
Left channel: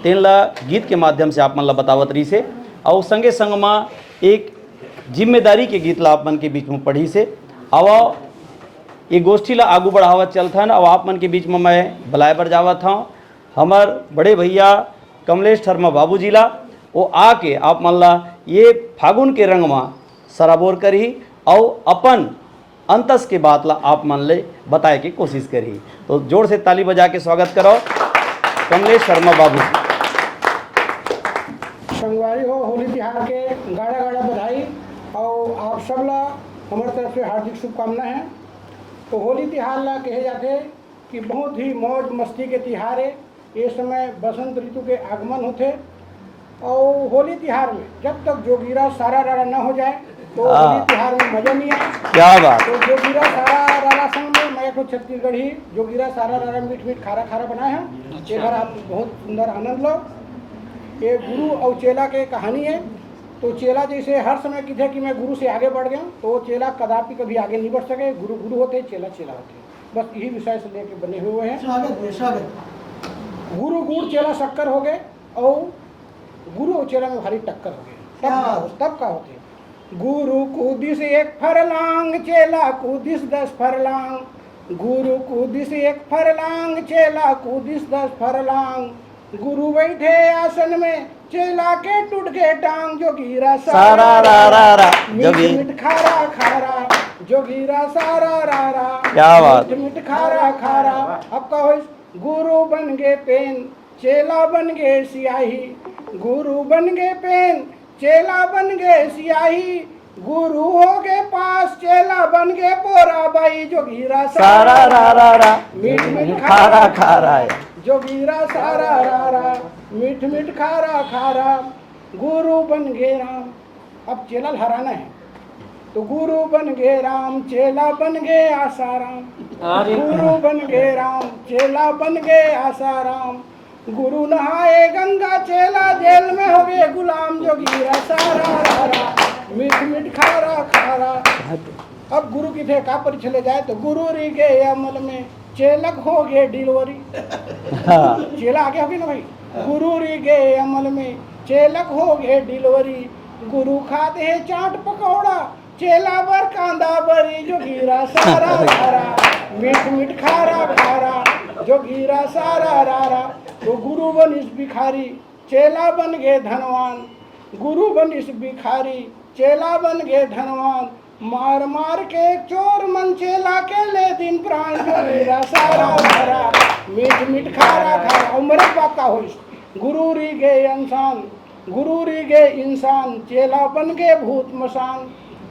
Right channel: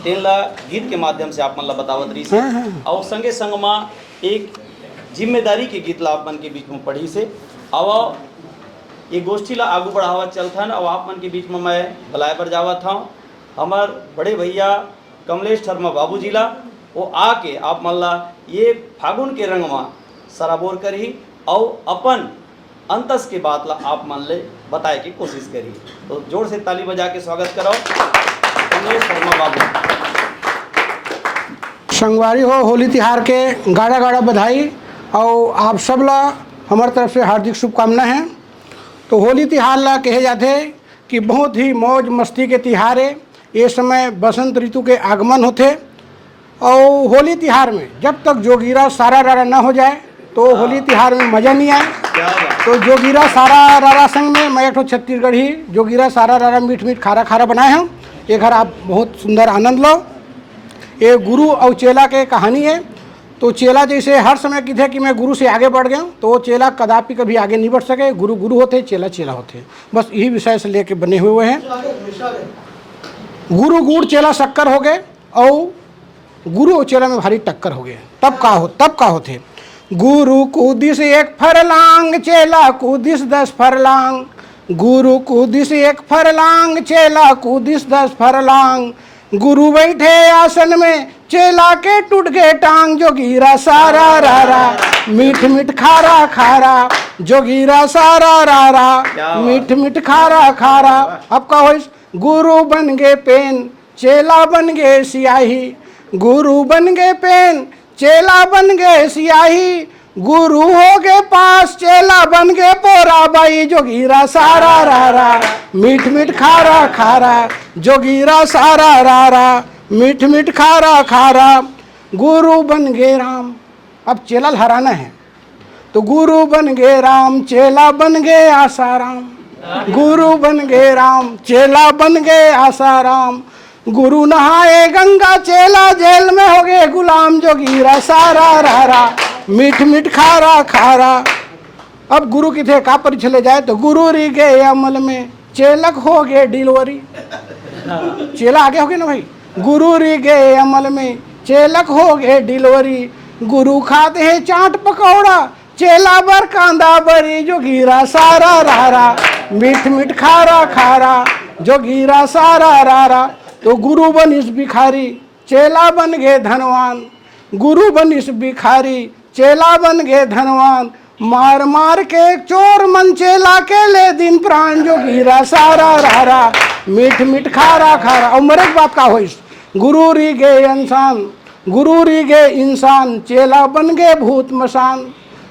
तेनला गीत के माध्यम से आप मन ला बतावत रही से। और संगे संग माँ एक जिम्मेदारी के गीत ला आप मन के बीच में पढ़ी से। अब ये गोष्ठी ला आगू बढ़ावत चलता है। और आप मन के बीच में मैं भलाए पर जावत था। हमार बड़े भैया कमलेश शर्मा बाबू जी ला वो आके आप मन ला ये फागुन के रंग में सराबोर करी और अपन अंतस के बात ला आप मन ले बताए की कोशिश करी। तो जोर से ताली बजा के स्वागत करो कमलेश शर्मा बाबू। संगवारी हो, होली तिहार के गाड़ा गाड़ा बधाई और आप सब ला हमारे तरफ से हार्दिक शुभकामना है। तो होली तिहार ला कहे जाते कि बहुत ही मौज मस्ती के तिहार है। ये समय बसंत ऋतु के आगमन होते और होली तिहार में जब तक जोगीरा सारा रारा ना हो जाए तो होली तिहार में मज़ा नहीं आए। क्या बात। तो जोगीरा सारा रारा संग में मैं एक ठो छत्तीसगढ़ी जोगीरा सारा रारा मीठ मीठ खारा खारा बनाए हैं। एक घर आप बहुत सुंदर आनंद लो। ये गुरु और चेला के कहानी है। तो चेला जैसे हर समय की थे कि मैं गुरु से आगे बढ़ गया, तो वो चेला कदापि कभी आगे नहीं बढ़ सके। गुरु गुरु होते, चेला चेला होते, बस यही विषय से लेके बने हुए हैं। गुरु गुड़ चेला शक्कर हो गए और गुरु और चेला में भारी टक्कर हो गए। तब का होते गुरु कूदिस 1 फरलांग चेला कूदिस 10 फरलांग। गुरु कूदिस 1 फरलांग चेला कूदिस 10 फरलांग। गुरु बैठे आसन में चेला के टूट गए टांग। जोगीरा सारा रारा मीठ मीठ खारा खारा। जोगीरा सारा रारा मीठ मीठ खारा खारा। अब का होइस गुरु बन गए पेन चेला बन गए सियाही। गुरु बन गए पेन चेला बन गए सियाही। गुरु हो गए पास चेला बन गए पोरा बाई। जोगीरा सारा रारा मीठ मीठ खारा खारा। जोगीरा सारा रारा मीठ मीठ खारा खारा। गुरु बन गए राम। अब चेला हराना है तो गुरु बन गए राम चेला बन गए आसाराम। गुरु बन गए राम चेला बन गए आसाराम। गुरु नहाए गंगा चेला जेल में हो गए गुलाम। जोगीरा सारा रारा मीठ मीठ खारा खारा। अब गुरु की थे का पर चले जाए तो गुरु री गए अमल में चेलक हो गए डिलीवरी। चेला आगे हो गए ना भाई। गुरु री गए अमल में चेलक हो गए डिलीवरी। गुरु खाते हैं चाट पकौड़ा चेला बर कांदा बरी। जोगीरा सारा रारा मीठ मीठ खारा खारा। जोगीरा सारा रारा। तो गुरु बनिस भिखारी चेला बन गए धनवान। गुरु बनिस भिखारी चेला बन गए धनवान। मार मार के चोर मन चेला के ले दिन प्राण। जोगीरा सारा रारा मीठ मीठ खारा खारा। और मरे बात का होइस गुरु री गए इंसान। गुरु री गए इंसान चेला बन गए भूत मसान।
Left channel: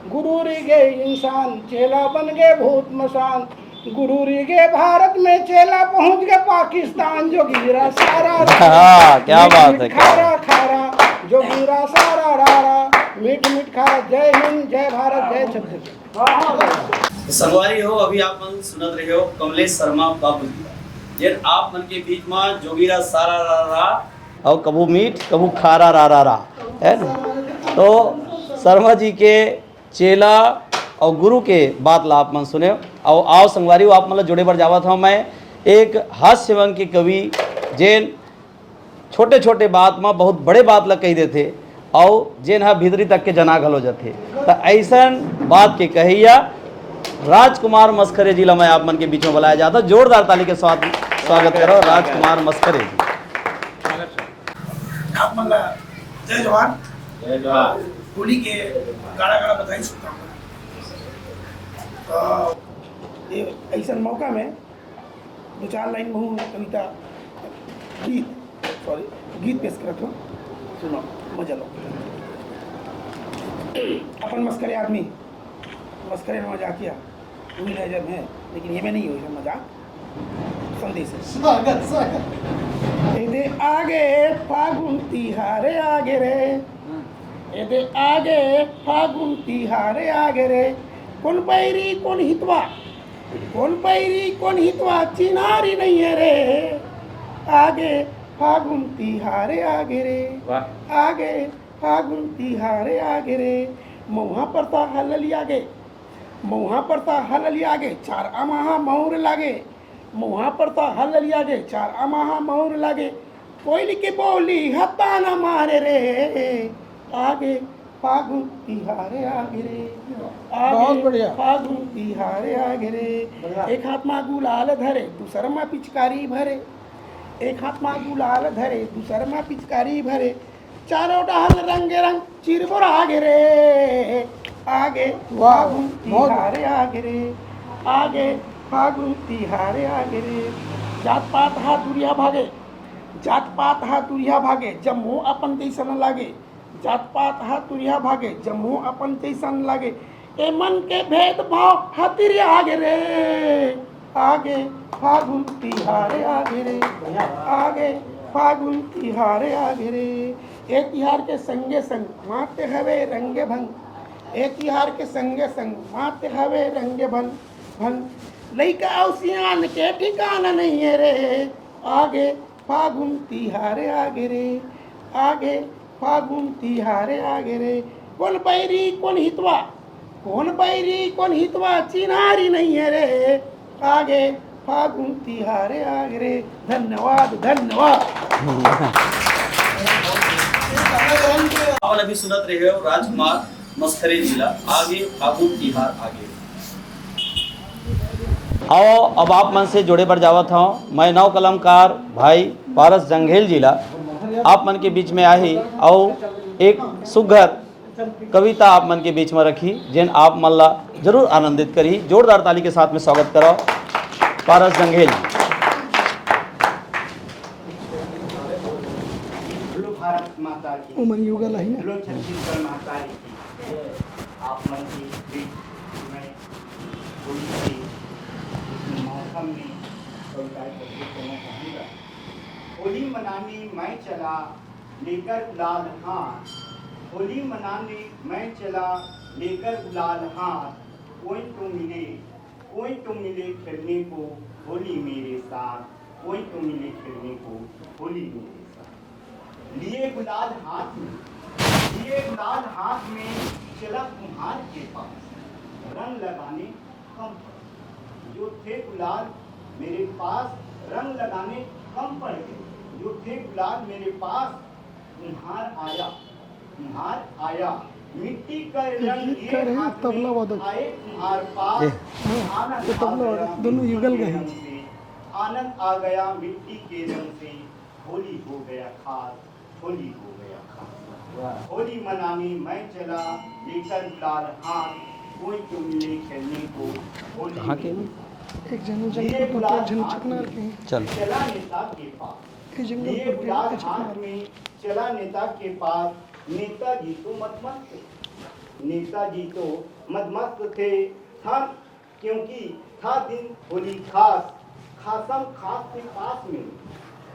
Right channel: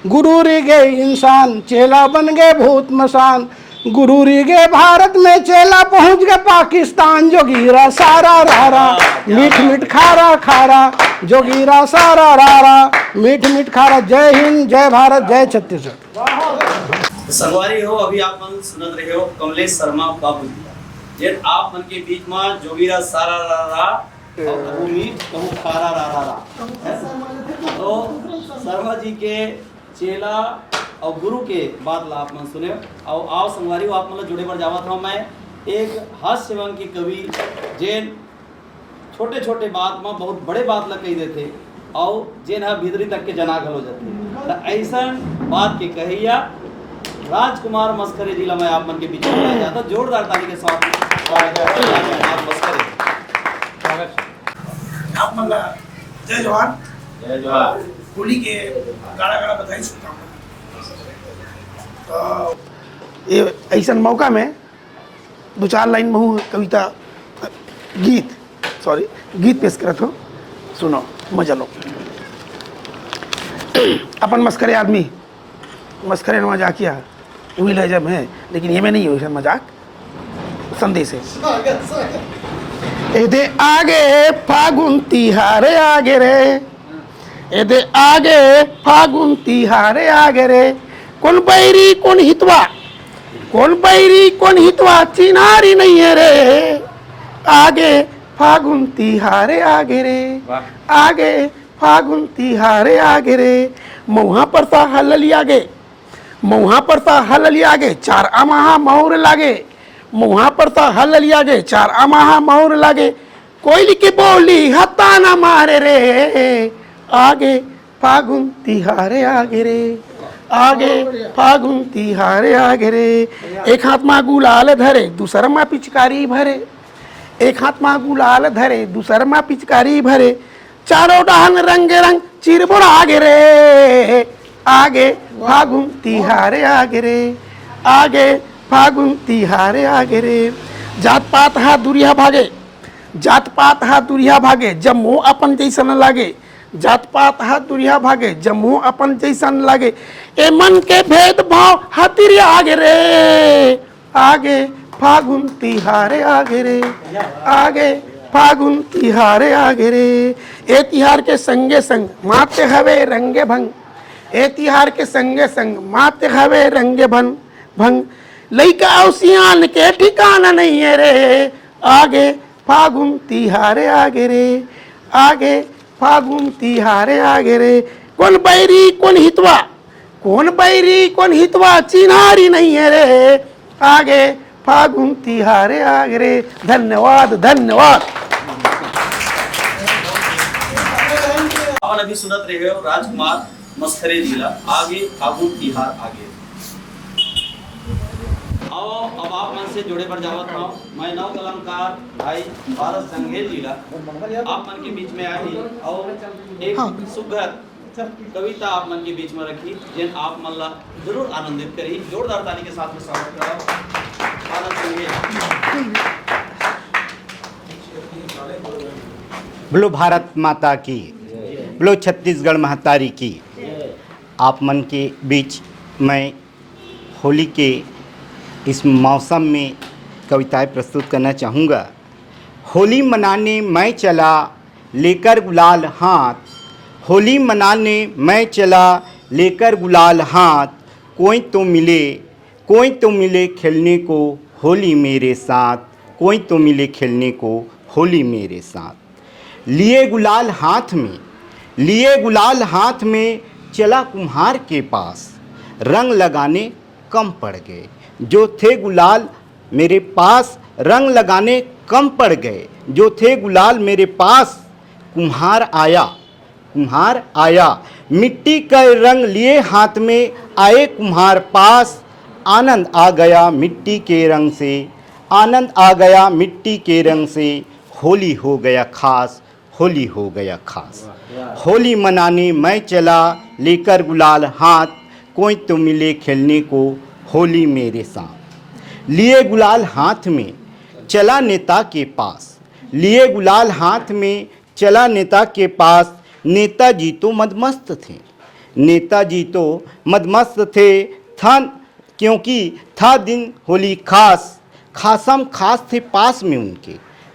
गुरु री गए इंसान चेला बन गए भूत मसान। गुरु री गए भारत में चेला पहुंच गए पाकिस्तान। जोगीरा सारा रारा मीठ मीठ खारा खारा। जोगीरा सारा रारा मीठ मीठ खारा। जय हिंद जय भारत जय छत्तीसगढ़। संगवारी हो अभी आप मन सुनत रहे हो कमलेश शर्मा बाबू जी जे आप मन के बीच में जोगीरा सारा रारा और कबू मीठ कबू खारा रारा है। तो शर्मा जी के चेला और गुरु के बात ला आप मन सुने और आओ संगवारी आप मतलब जुड़े बढ़ जावा था। मैं एक हास्य व्यंग के कवि जेन छोटे छोटे बात में बहुत बड़े बात ला कही देते और जेन हा भीतरी तक के जना घलो जाते। तो ऐसा बात के कहिया राजकुमार मस्करे जी ला मैं आप मन के बीच में बुलाया जाता। जोरदार ताली के साथ स्वागत करो राजकुमार मस्करे जी। आप मन ला जय जवान। जय जवान। होली के गाड़ा गाड़ा बधाई शुभकामना। तो ये ऐसा मौका में 2-4 लाइन में कविता गीत पेश करत हो। सुनो मजा लो। अपन मस्करे आदमी मस्करे में मजाकिया उम्मीद है जब है, लेकिन ये में नहीं हो मजाक संदेश है। एदे आगे फागुन तिहार आगे रे। एदे आगे फागुन तिहार आगे रे। कौन बैरी कौन हितवा चिनारी नहीं है रे। आगे फागुन तिहारे आगे रे। आगे फागुन तिहारे आगे रे। मऊहा परसा हलली आगे। मऊहा परसा हलली आगे 4 अमाहा मोर लागे। मऊहा परसा हलली आगे 4 अमाहा मोर लागे। कोयली की बोली हत्ता ना मारे रे। आगे फागुन तिहारे आगे रे। आगे फागुन तिहारे आगे रे। एक हाथ में गुलाल धरे दूसर में पिचकारी भरे। एक हाथ में गुलाल धरे दूसर में पिचकारी भरे। चारों डहन रंग रंग चिरबुड़ आगे रे। आगे फागुन तिहारे आगे रे। आगे फागुन तिहारे आगे रे। जात पात हा दुरिया भागे। जात पात हा दुरिया भागे जब मुँह अपन जैसन लागे। जात पात हा दुरिया भागे जब मुँह अपन जैसन लागे। ए मन के भेद भाव हतिरी आगे रे। आगे फागुन तिहारे आगे रे। आगे फागुन तिहार आगे रे। ए तिहार के संगे संग माते हवे रंगे भंग, ए तिहार के संगे संग माते हवे रंगे भंग। लइका और सियान के ठिकाना नहीं है रे, आगे फागुन तिहार आगे रे, आगे फागुन तिहार आगे रे। कौन बैरी कौन हितवा, कौन बैरी कौन हितवा चिन्हारी नहीं है रे, आगे फागुन तिहार आगे रे। धन्यवाद धन्यवाद। अपन अभी सुनत रहे हो राजकुमार मस्खरे जिला आगे फागुन तिहार आगे। आओ अब आप मन से जोड़े पर जावत हूँ। मैं नव कलमकार भाई पारस जंघेल जिला आप मन के बीच में आई और एक सुघर कविता आप मन के बीच में रखी जिन आप मन ला जरूर आनंदित करी। जोरदार ताली के साथ में स्वागत करो पारस जंघेल। बोलो भारत माता की, बोलो छत्तीसगढ़ महतारी की। आप मन के बीच मैं होली के इस मौसम में कविताएं प्रस्तुत करना चाहूँगा। होली मनाने मैं चला लेकर गुलाल हाथ, होली मनाने मैं चला लेकर गुलाल हाथ। कोई तो मिले खेलने को होली मेरे साथ, कोई तो मिले खेलने को होली मेरे साथ। लिए गुलाल हाथ में चला कुम्हार के पास, रंग लगाने कम पड़ गए जो थे गुलाल मेरे पास, रंग लगाने कम पड़ गए जो थे गुलाल मेरे पास। कुम्हार आया मिट्टी का रंग लिए हाथ में, आए कुम्हार पास। आनंद आ गया मिट्टी के रंग से, आनंद आ गया मिट्टी के रंग से। होली हो गया खास, होली हो गया खास। होली मनाने मैं चला लेकर गुलाल हाथ, कोई तो मिले खेलने को होली मेरे साथ। लिए गुलाल हाथ में चला नेता के पास, लिए गुलाल हाथ में चला नेता के पास। नेताजी तो मदमस्त थे, नेताजी तो मदमस्त थे था, क्योंकि था दिन होली खास। खासम खास थे पास में उनके,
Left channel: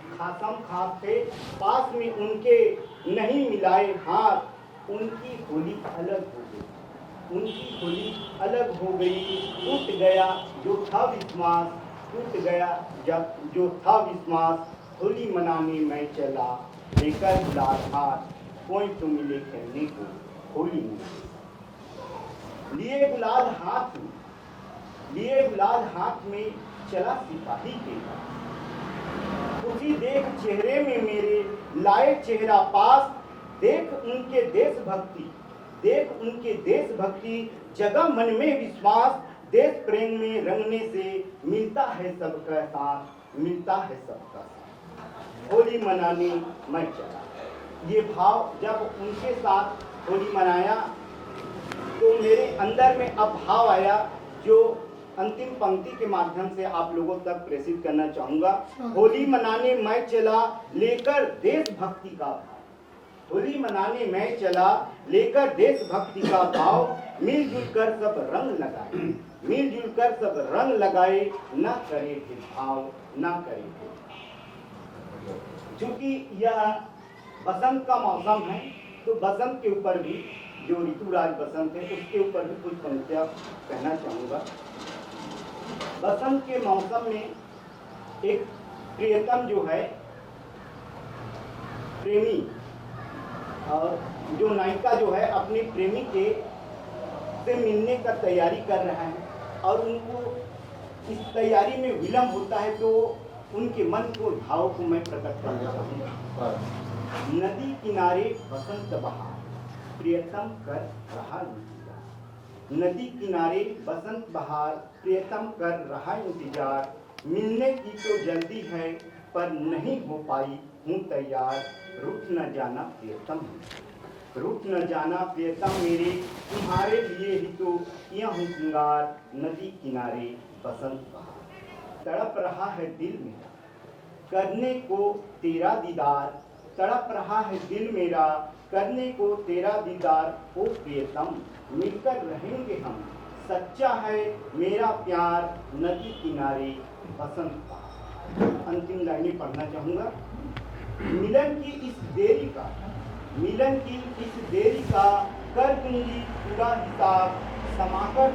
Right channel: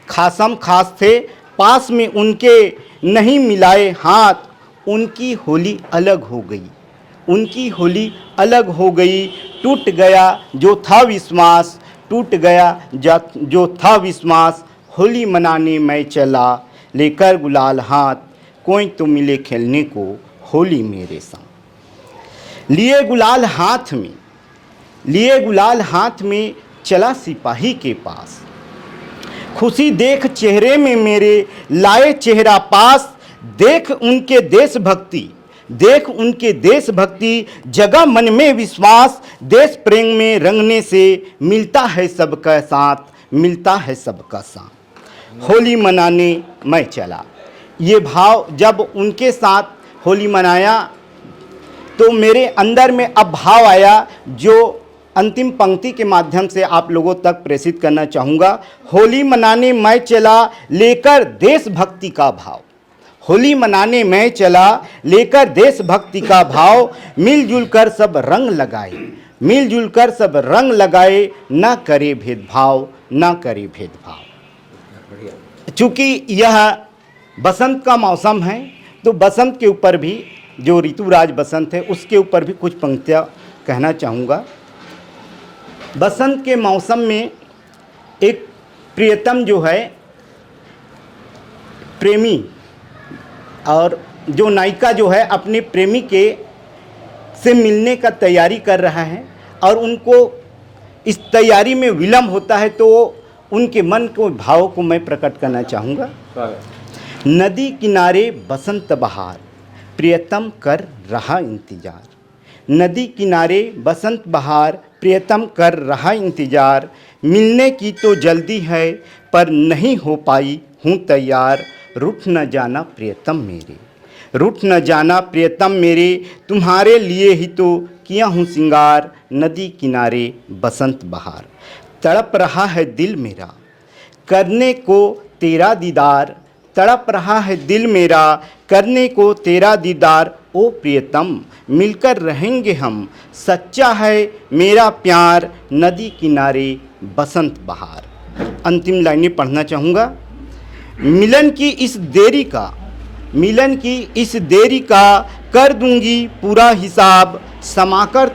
खासम खास थे पास में उनके। नहीं मिलाए हाथ, उनकी होली अलग हो गई, उनकी होली अलग हो गई। टूट गया जो था विश्वास, टूट गया जो था विश्वास। होली मनाने मैं चला लेकर गुलाल हाथ, कोई तो मिले खेलने को होली मेरे साथ। लिए गुलाल हाथ में चला सिपाही के पास, खुशी देख चेहरे में मेरे लाए चेहरा पास। देख उनके देशभक्ति जगा मन में विश्वास। देश प्रेम में रंगने से मिलता है सबका साथ, मिलता है सबका साथ। होली मनाने मैं चला, ये भाव जब उनके साथ होली मनाया तो मेरे अंदर में अब भाव आया जो अंतिम पंक्ति के माध्यम से आप लोगों तक प्रेषित करना चाहूँगा। होली मनाने मैं चला लेकर देशभक्ति का भाव, होली मनाने मैं चला लेकर देशभक्ति का भाव। मिलजुल कर सब रंग लगाए, मिलजुल कर सब रंग लगाए। ना करे भेदभाव, ना करे भेदभाव। चूँकि यह बसंत का मौसम है तो बसंत के ऊपर भी, जो ऋतुराज बसंत है उसके ऊपर भी कुछ पंक्तियाँ कहना चाहूँगा। बसंत के मौसम में एक प्रियतम जो है प्रेमी, और जो नायिका जो है अपने प्रेमी के से मिलने का तैयारी कर रहा है और उनको इस तैयारी में विलम्ब होता है, तो उनके मन को भाव को मैं प्रकट करना चाहूँगा। नदी किनारे बसंत बहार, प्रियतम कर रहा इंतजार। नदी किनारे बसंत बहार, प्रियतम कर रहा इंतजार। मिलने की तो जल्दी है पर नहीं हो पाई हूँ तैयार। रूठ न जाना प्रियतम मेरे, रूठ न जाना प्रियतम मेरे। तुम्हारे लिए ही तो किया हूँ सिंगार। नदी किनारे बसंत बहार, तड़प रहा है दिल मेरा करने को तेरा दीदार। तड़प रहा है दिल मेरा करने को तेरा दीदार। ओ प्रियतम मिलकर रहेंगे हम, सच्चा है मेरा प्यार। नदी किनारे बसंत बहार। अंतिम लाइनें पढ़ना चाहूँगा। मिलन की इस देरी का कर दूंगी पूरा हिसाब, समाकर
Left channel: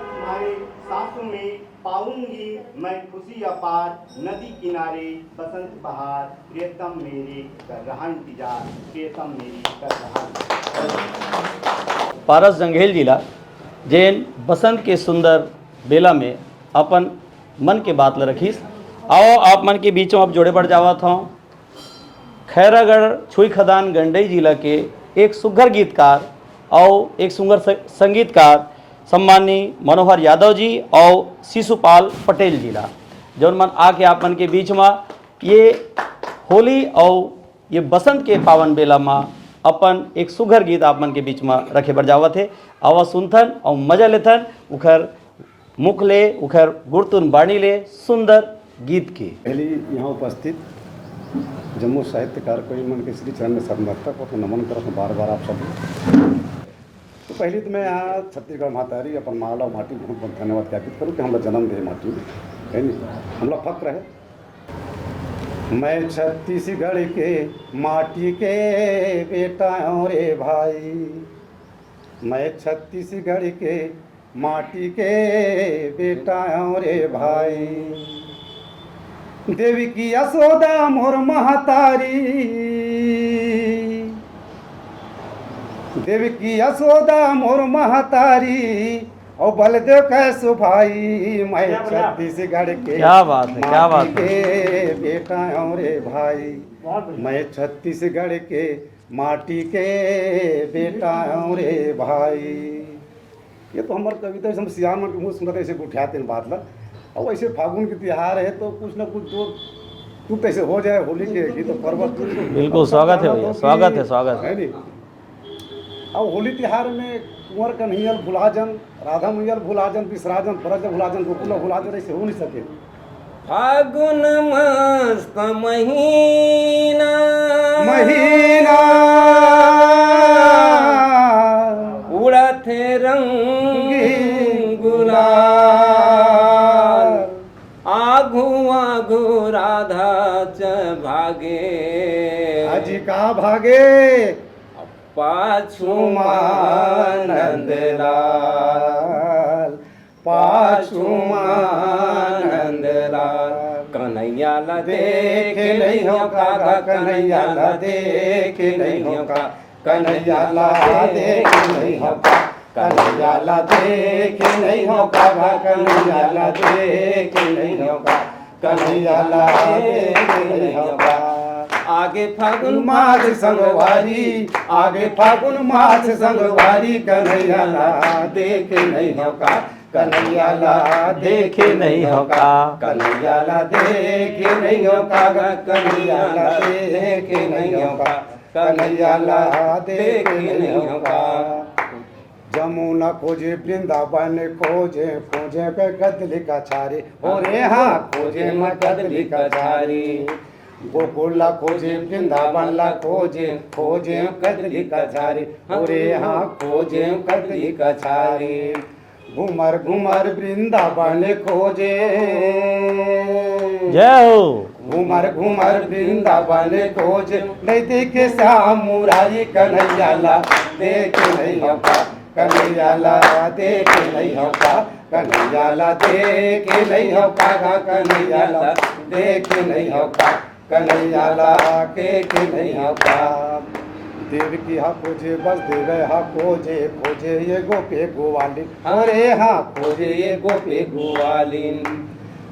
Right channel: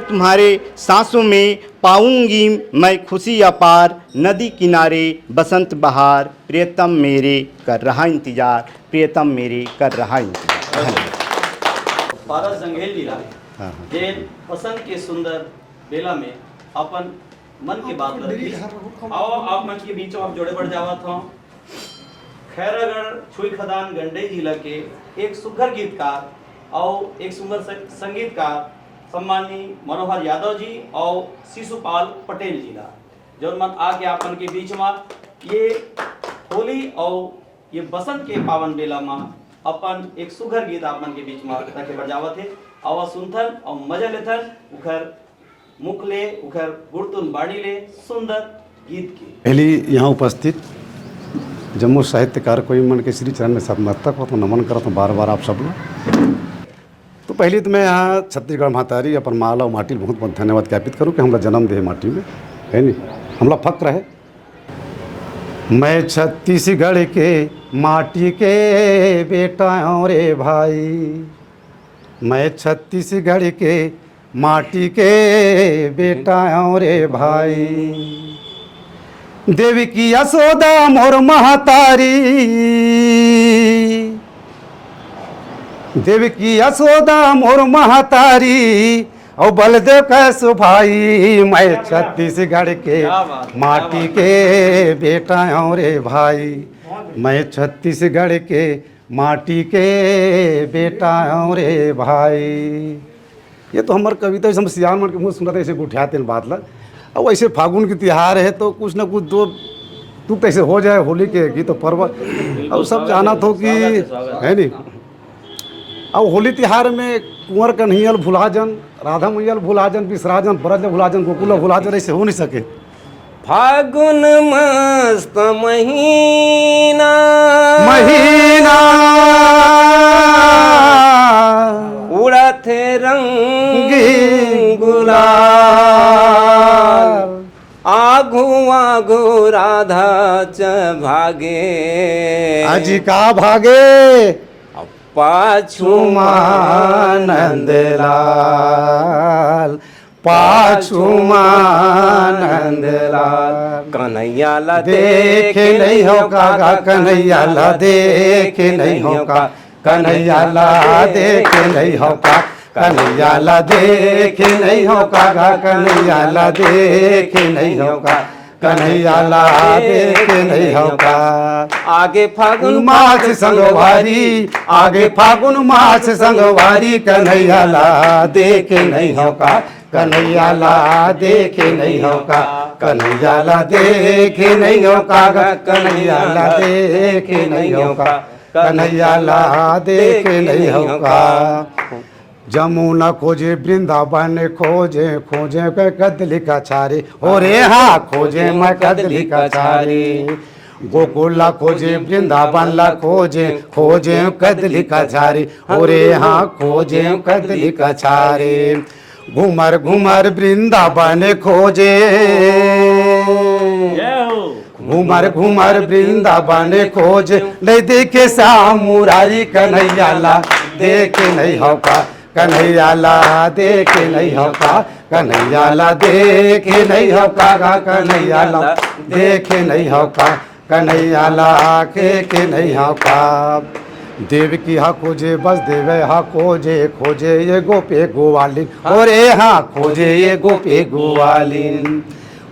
तुम्हारे सांसों में पाऊंगी मैं खुशी अपार, नदी किनारे बसंत बहार, प्रियतम मेरे कर रहा इंतजार। पारस जंघेल जिला जैन बसंत के सुंदर बेला में अपन मन के बात ल रखी। आओ आप मन के बीचों आप जोड़े बढ़ जावा था। खैरागढ़ छुई खदान गंडई जिला के एक सुघर गीतकार और एक सुंदर संगीतकार सम्मानी मनोहर यादव जी और शिशुपाल पटेल जिला जौन मन आके आप मन के बीच में ये होली और ये बसंत के पावन बेला में अपन एक सुघर गीत आप मन के बीच में रखे बढ़ जावत है। आवा सुनथन और मजा लेथन उखर मुख ले उखर गुरतुन बाणी ले सुंदर गीत की। पहली यहाँ उपस्थित जम्मू साहित्यकार कोई मन के श्री चरण सतमस्तक को तो नमन करता हूँ बार बार आप सब लोग। तो पहले तो मैं यहाँ छत्तीसगढ़ महतारी अपन माला और माटी बहुत बहुत धन्यवाद ज्ञापित करूँ कि हमारा जन्म दे माटी में है नहीं हमला फक्र है। मैं छत्तीसगढ़ के माटी के बेटा हूँ रे भाई, मैं छत्तीसगढ़ के माटी के बेटा हूँ रे भाई, देवी की यशोदा मोर महतारी, देवी की यशोदा मोर महतारी और बलदेव कैसो भाई, मैं छत्तीसगढ़ के माटी के बेटा हूँ रे भाई, मैं छत्तीसगढ़ के माटी के बेटा हूँ रे भाई। ये तो हमार कविता हम सियान मन के मुँह सुनते ऐसे गुठियाते बात ला। अब ऐसे फागुन की त्योहार है तो कुछ ना कुछ दो तुक ऐसे हो जाए होली के गीत तो पर्व अब सब जाना तो कि है नहीं। अब होली त्योहार में कुंवर कन्हैया भुला जन, राधा मैया भुला जन, विसराजन ब्रज भुला जन, गोकुल भुला जन, ऐसे हो नहीं सके। फागुन मस्त महीना उड़त रंगी गुलाल, आगू राधा च भागे, अजी का भागे पाछू नंद लाल, पाछू नंद लाल, कन्हैया ला देखे नहीं हो कागा, कन्हैया ला देखे नहीं हो का, कन्हैया ला देखे नहीं हो का, कन्हैया ला देखे नहीं हो कागा, कन्हैया ला देखे नहीं हो का, कन्हैया ला देखे नहीं हो का। आगे फागुन मास संगवारी, आगे फागुन मास संगवारी, कन्हैया ला देखे नहीं हो का, कन्हैया ला देखे नहीं हो का, कन्हैया ला देखे नहीं हो का, कन्हैया ला देखे नहीं हो का, कन्हैया ला देखे नहीं हो का। जमुना खोजे वृंदावन खोजे, खोजे के कदली का छारे, हो रे हाँ खोजे मैं कदली का छारे, गोकुला खोजे वृंदावन ला खोजे, खोजे कदली का छारे, हो रे हाँ खोजे कदली का छारे, घूमर घूमर वृंदावन खोजे, घूमर घूमर वृंदावन खोजे, नहीं देखे श्याम मुरारी, कन्हैया ला देखे नहीं हो का, कन्हैया ला देखे नहीं हो का, कन्हैया ला देखे नहीं हो का, कन्हैया ला देखे नहीं हो का, कन्हैया ला के नहीं हो का। देव की हा खोजे बस देवे हा खोजे, खोजे ये गोपे गोवालिन, अरे हाँ खोजे ये गोपे गोवालिन,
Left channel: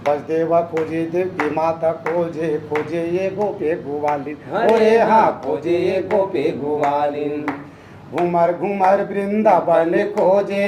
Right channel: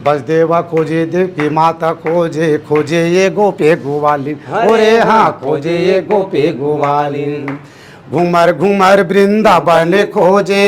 बस देवा खोजे देव की माता खोजे, खोजे ये गोपे गोवालिन, अरे हाँ खोजे ये गोपे गोवालिन, घूमर घूमर वृंदावन खोजे,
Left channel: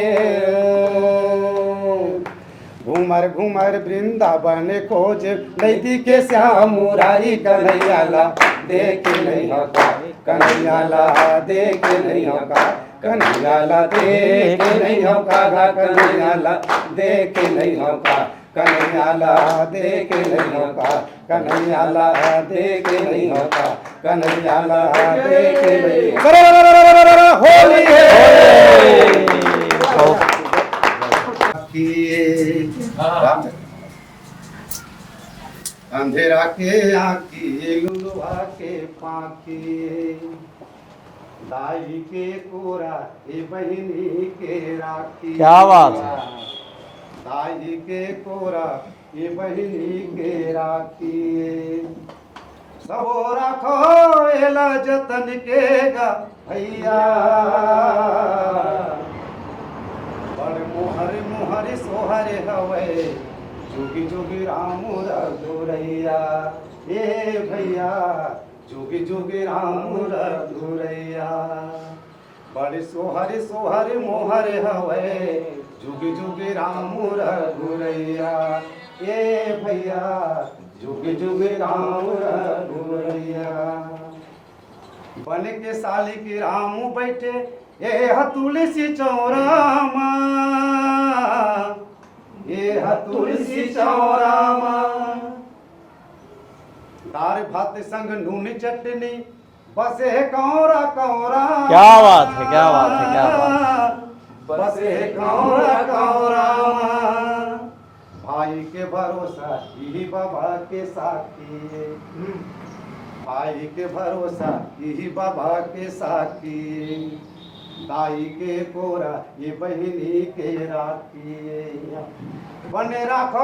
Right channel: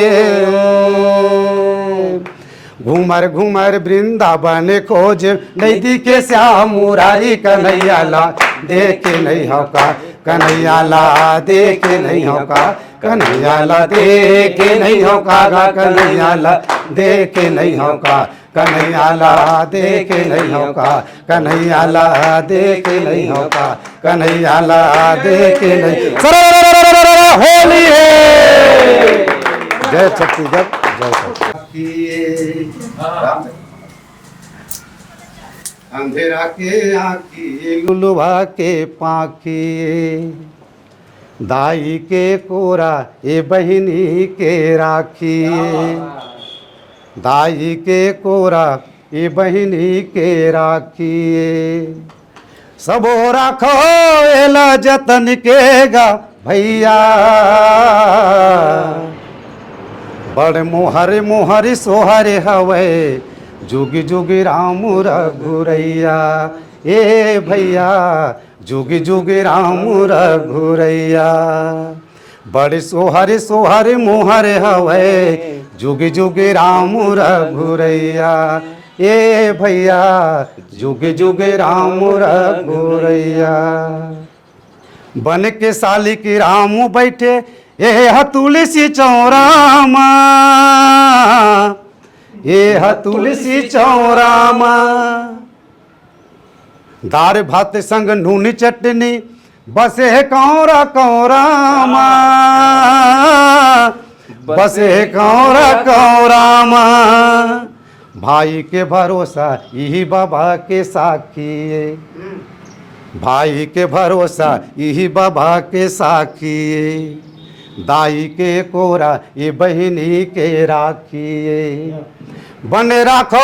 घूमर घूमर वृंदावन खोजे, नहीं दिखे श्याम मुरारी, कन्हैया ला देखे नहीं हो का, कन्हैया ला देखे नहीं हो का, कन्हैया ला देखे नहीं हो का, कन्हैया ला देखे नहीं हो का, कन्हैया ला देखे नहीं हो का, कन्हैया ला देखे नहीं हो का, कन्हैया ला देखे नहीं। होली है, जय छत्तीसगढ़, जय अंधेरा के आँखी लुलुभा के पाखी दाई के कोरा ए बहिनी के राखी दाई के कोरा ए बहिनी के राखी सबो राखो एला जतन के गा भैया बड़ मोहर मोहर सोहर हवे जुग जुग राम रघुरैया ए भैया जुग जुग राम रघुरैया बड़ सोहर सोहर मोहर हवे जुग जुग राम रघुरैया ए भैया जुग जुग राम रघुरैया बन के साली की राम बैठे ए तुलसी चौरामा ए तुलसी चौरामा दार भात संग नून चटनी बसे कौरा कौरामा बसे कौरा कौरामा भाई के भरोसा यही बाबा के साखी भाई के भरोसा यही बाबा के साखी दाई के कोरा ये बहिनी के राखी बन राखो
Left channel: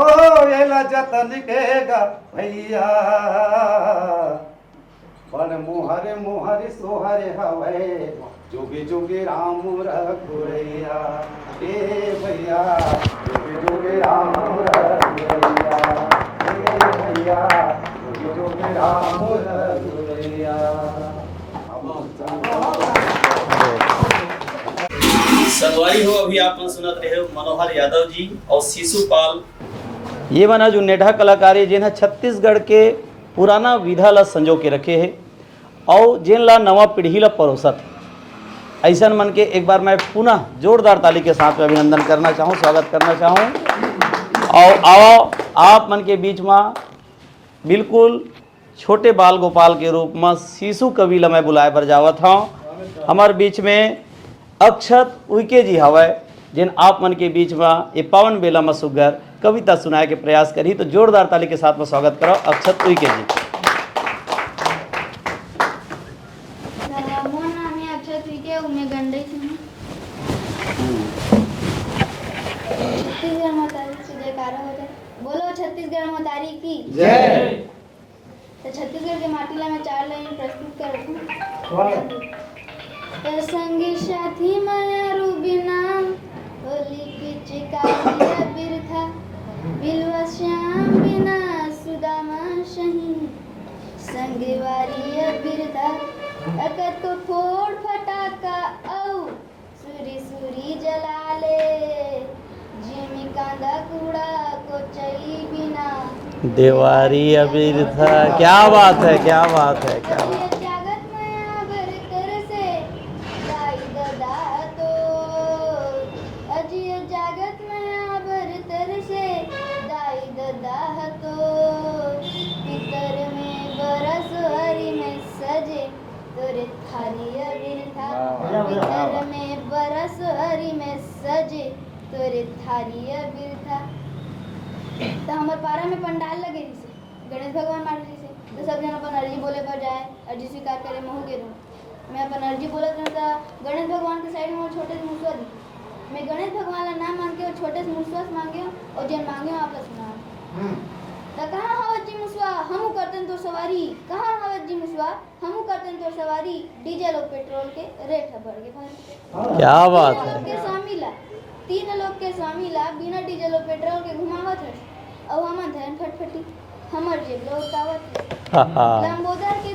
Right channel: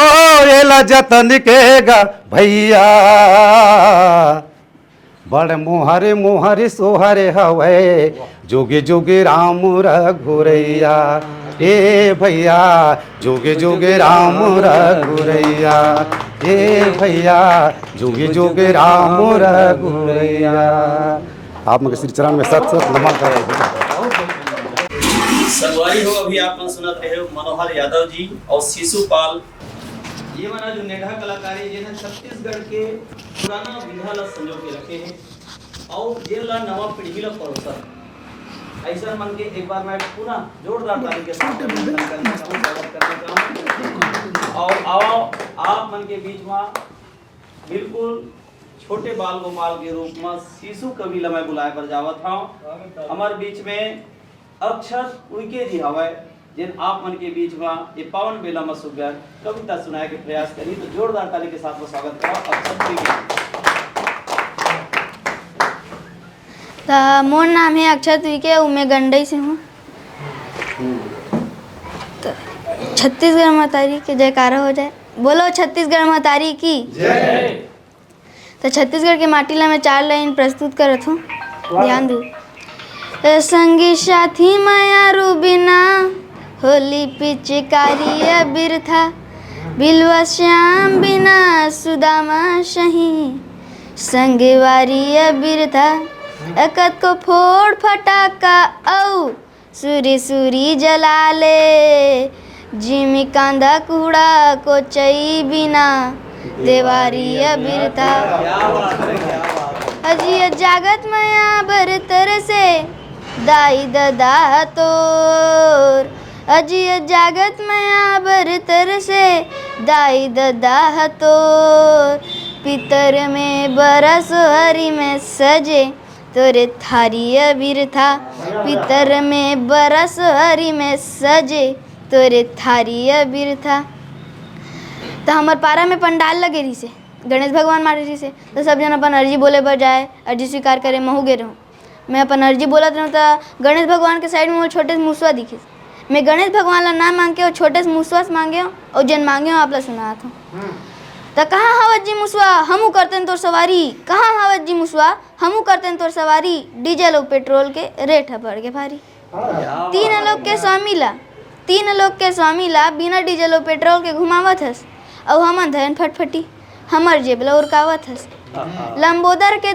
एला जतन के गा भैया बड़ मोहर मोहर सोहर हवे जुगे जुगे राम रघुरैया ए भैया जुगे जुगे राम रघुरैया ए भैया जुगे जुगे राम रघुरैया। आप मुझे श्री चरण में सत सत नमन करें। संगवारी हो अभी आप सुनत रहे हो मनोहर यादव जी और शिशुपाल ये बना जो नेढ़ा कलाकारी जिन्हें छत्तीसगढ़ के पुराना विधा ला संजो के रखे है और जिन ला नवा पीढ़ी ला परोसत ऐसा मन के एक बार मैं पुनः जोरदार ताली के साथ में अभिनंदन करना चाहूँ, स्वागत करना चाहूँ। और आओ आप मन के बीच में बिल्कुल छोटे बाल गोपाल के रूप में शिशु कवि ला मैं बुलाए पर जावत हूँ। हमारे बीच में अक्षत उइके जी हवाए जिन आप मन के बीच में ये पावन बेला में सुगर कविता सुनाए के प्रयास करी, तो जोरदार ताली के साथ में स्वागत करो अक्षत उइके जी। मोर नाम है अक्षत उइके, मैं गंडई से हूँ। छत्तीसगढ़ महतारी के जयकारा हो जाए, बोलो छत्तीसगढ़ महतारी की जय। तो छत्तीसगढ़ के माटी ला मैं 4 लाइन प्रस्तुत करत हूँ, ध्यान दो। संगी साथी माया रूबिना होली पिचकारी बिरथा बिलवा श्याम बिना सुदामा सही संगवारी बिरथा एकत को फोड़ फटाका औ सूरी सूरी जला ले जिमी कांदा कूड़ा को चई बिना देवारी बिरथा। क्या बात है, क्या बात है। अजी जागत माया बरतर से दाई ददा तोर अजी जागत माया बरतर से दाई ददा तोर पितर में बरस हरी में सजे तोरे थारी बिरथा पितर में बरस हरी में सजे तोरे थारी बिरथा। तो हमार पारा में पंडाल लगे रही से गणेश भगवान मारे रही से, तो सब जन अपन अर्जी बोले पर जाए, अर्जी स्वीकार करे। महू गे रहूँ मैं अपन अर्जी बोलत रहूँ तो गणेश भगवान के साइड में वो छोटे से मूसवा दिखे। मैं गणेश भगवान ला ना मांग के और छोटे से मूसवा से मांगे हो और जन मांगे हो आप ला सुनात हूँ। तो कहाँ हवत जी मुसवा हमू करते तोर सवारी, कहाँ हवत जी मुसवा हमू करते तोर सवारी, डीजल और पेट्रोल के रेट है बढ़ के भारी। तीन लोग के स्वामी ला बिना डीजल और पेट्रोल के घुमावत हस और हमन धन फटफटी हमर जेबला उरकावत हस। लंबोदर के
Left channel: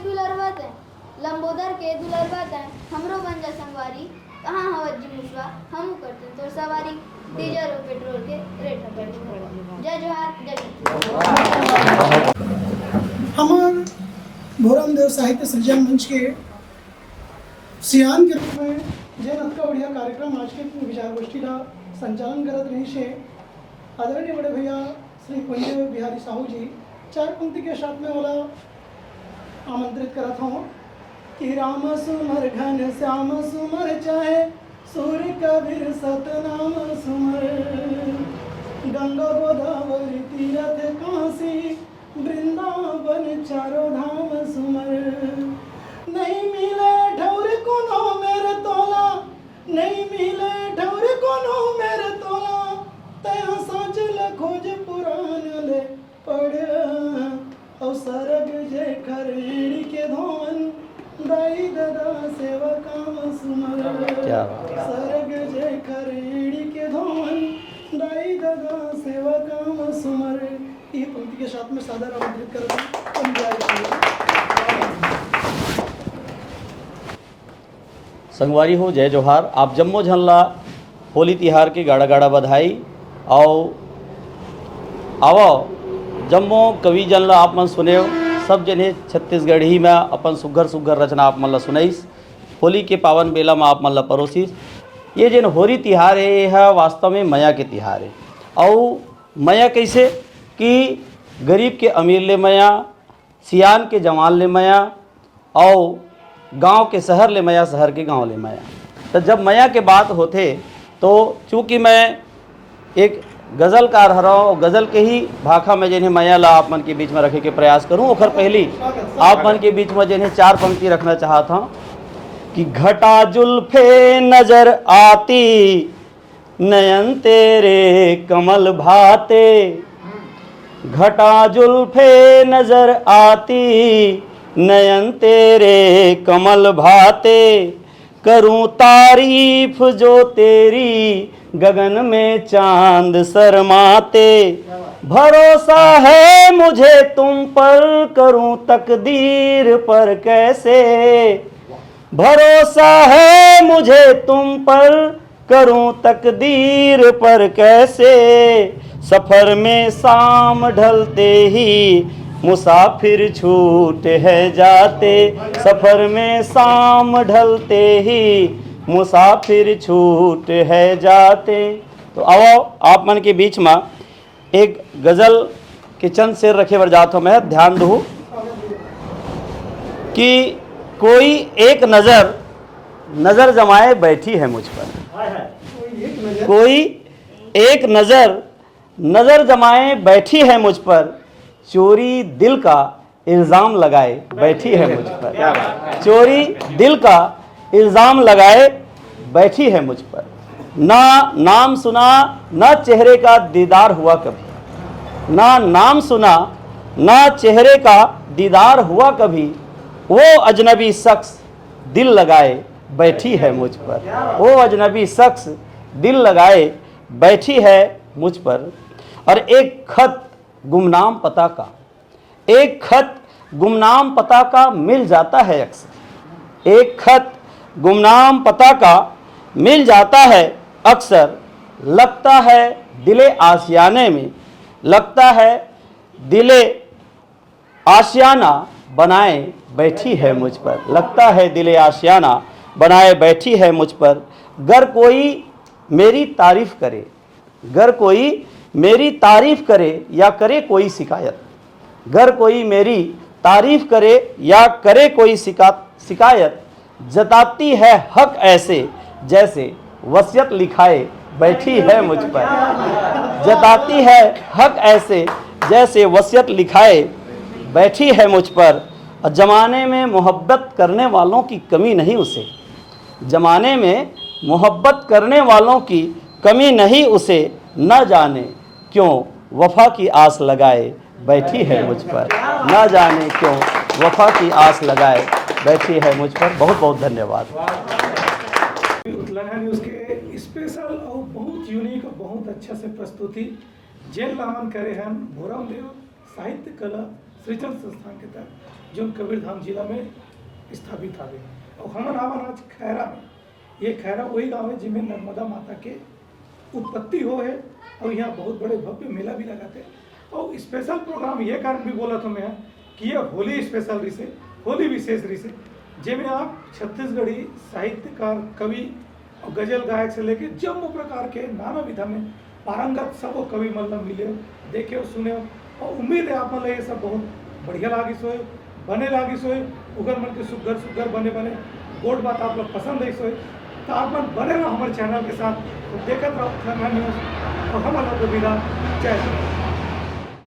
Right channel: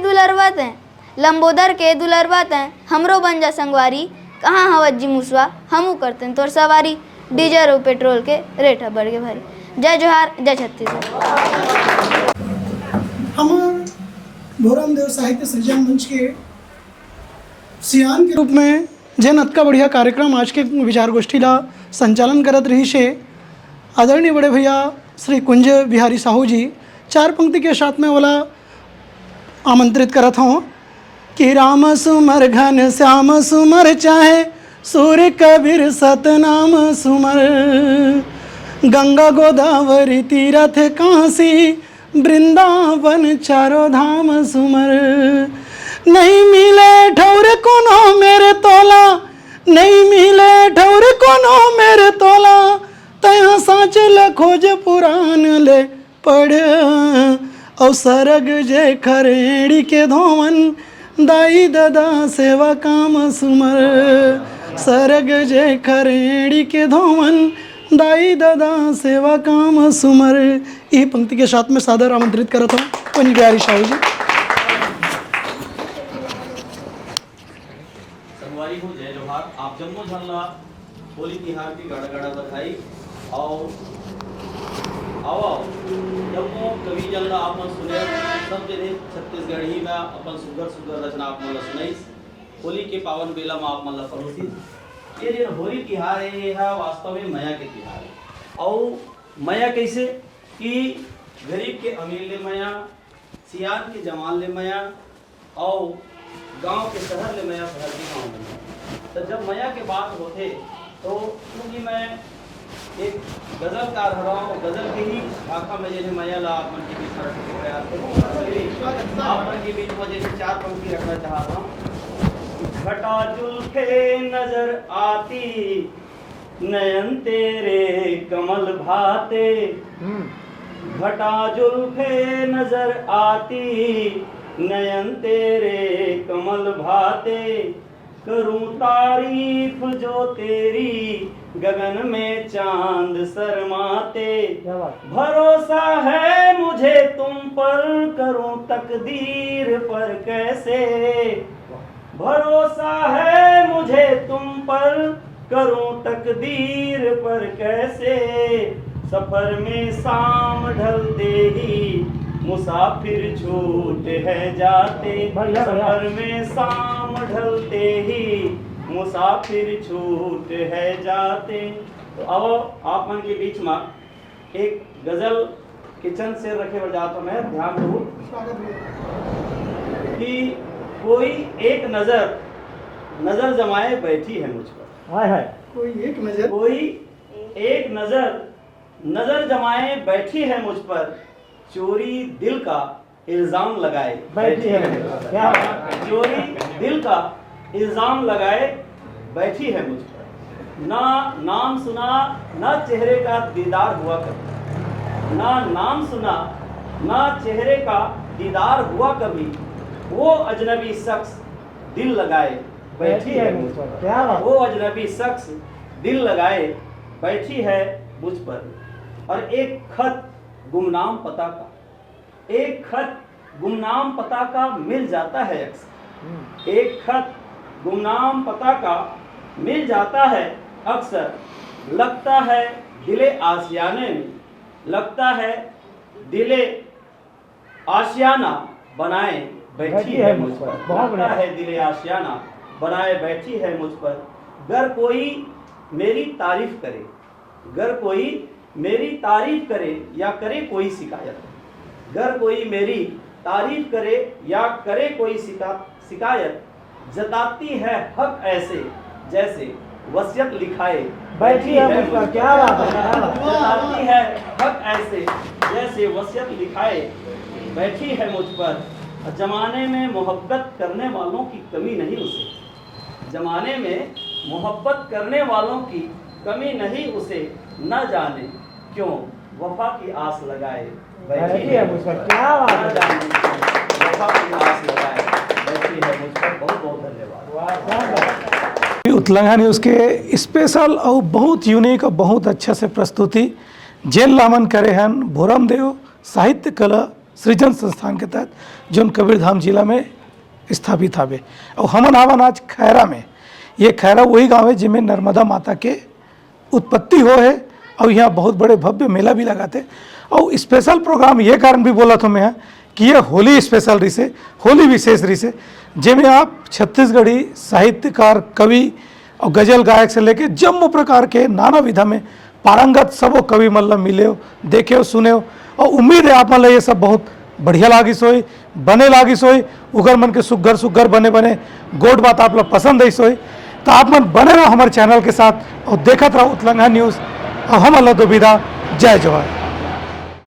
दुलरवत हैं हमरो बन जा संगवारी, कहाँ हवत जी मुसवा हमू करते तोर सवारी, डीजल और पेट्रोल के रेट है बढ़ के भारी। जय जोहार, जय छत्तीसगढ़। हमार भोरम देव साहित्य सृजन मंच के सियान के रूप में जैन अतका बढ़िया कार्यक्रम आज के विचार गोष्ठी ला संचालन करत रही से आदरणीय बड़े भैया श्री कुंज बिहारी साहू जी 4 पंक्ति के साथ में वाला आमंत्रित करत हूँ कि राम सुमर घन श्याम सुमर चाहे सूर्य कबीर सतनाम सुमर गंगा गोदावरी तीरथ काशी वृंदावन चारों धाम सुमर। नहीं मिले ठौर कोनो मेरे तोला, नहीं मिले ठौर कोनो मेरे तोला, तया साँच ल खोज पुराण ले पढ़। और सरग जे खरेड़ी के धोवन, दाई दादा सेवा काम सुमर। सरग जे खरेड़ी के धोवन, दाई दादा सेवा काम सुमर। ये पंक्ति के साथ में सादर आमंत्रित करता हूँ पंच बिहारी शाही जी। संगवारी हो जय जोहार। आप जम्मो झनला होली तिहार के गाड़ा गाड़ा बधाई। आओ जम्मो कवि जनला आप मन सुने सब जने छत्तीसगढ़ी में अपन सुघर सुघर रचना आप मन ला सुनाइस। होली के पावन बेला में आप मन ला परोसिस। ये जन होली तिहार है यह वास्तव में मया के तिहार है। और मया कैसे कि गरीब के अमीर ले मया, सियान के जवान ले मया, और गांव के शहर ले मया, शहर के गांव ले मया। तो जब मया के बात होते तो चूँकि मैं एक गज़लकार हरा हूँ, गज़ल के ही भाखा में जिन्हें मया ला आप मन के बीच में रखे के प्रयास करूँ। और पहली आप मन के बीच में जिन्हें 4 पंक्ति रखना चाहता हूँ कि घटा जुल्फे नजर आती, नयन तेरे कमल भाते। घटा जुल्फे नजर आती, नयन तेरे कमल भाते। करूं तारीफ जो तेरी, गगन में चांद शर्माते। भरोसा है मुझे तुम पर, करूं तकदीर पर कैसे। भरोसा है मुझे तुम पर, करूं तकदीर पर कैसे। सफर में शाम ढलते ही, मुसाफिर छूट है जाते। सफर में शाम ढलते ही, मुसाफिर छूट है जाते। तो आओ आप मन के बीच में एक गज़ल के चंद शेर रखे बर जात हूँ मैं। ध्यान दो कि कोई एक नज़र जमाए बैठी है मुझ पर। कोई एक नज़र जमाए बैठी है मुझ पर। चोरी दिल का इल्ज़ाम लगाए बैठी है मुझ पर। चोरी दिल का इल्ज़ाम लगाए बैठी है मुझ पर। ना नाम सुना, ना चेहरे का दीदार हुआ कभी। ना नाम सुना, ना चेहरे का दीदार हुआ कभी। वो अजनबी शख्स दिल लगाए बैठी है मुझ पर। वो अजनबी शख्स दिल लगाए बैठी है मुझ पर। और एक खत गुमनाम पता का, एक खत गुमनाम पता का मिल जाता है अक्सर। एक खत गुमनाम पता का मिल जाता है अक्सर। लगता है दिले आशियाने में, लगता है दिले आशियाना बनाए बैठी है मुझ पर। लगता है दिले आशियाना बनाए बैठी है मुझ पर। गर कोई मेरी तारीफ करे, गर कोई मेरी तारीफ करे या करे कोई शिकायत। गर कोई मेरी तारीफ करे या करे कोई शिकायत। जताती है हक ऐसे जैसे वसीयत लिखाए बैठी है मुझ पर। जताती है हक ऐसे जैसे वसीयत लिखाए बैठी है मुझ पर। ज़माने में मोहब्बत करने वालों की कमी नहीं उसे। ज़माने में मोहब्बत करने वालों की कमी नहीं उसे। न जाने क्यों वफा की आस लगाए बैठी है मुझ पर। न जाने क्यों वफा की आस लगाए बैठी है मुझ पर। बहुत बहुत धन्यवाद। उतलंगा न्यूज़ के स्पेशल और बहुत यूनिक और बहुत अच्छा से प्रस्तुति जेल लामन करे हन भोरम देव साहित्य कला सृजन संस्थान के तहत जो कबीरधाम जिला में स्थापित हवे। और हमन आवन आज खैरा में। ये खैरा वही गांव है जिसमें नर्मदा माता के उत्पत्ति हो है। और यहाँ बहुत बड़े भव्य मेला भी लगाते। और स्पेशल प्रोग्राम ये कारण भी बोला था मैं कि ये होली स्पेशल रही से, होली विशेष रही से, जिसमें आप छत्तीसगढ़ी साहित्यकार, कवि और गजल गायक से लेके जम्मू प्रकार के नाना विधा में पारंगत सबो कवि मतलब मिले हो, देखे हो, सुने हो। और उम्मीद है आप मतलब ये सब बहुत बढ़िया लागिस होई, बने लागिस होई। उगर मन के सुगर सुगर बने बने गोट बात आप लोग पसंद है होई। तो आप मन बने रहो हमारे चैनल के साथ और देखते रहो उतलंगा न्यूज़। और हम अल्लाह तो विदा। जय जोहर।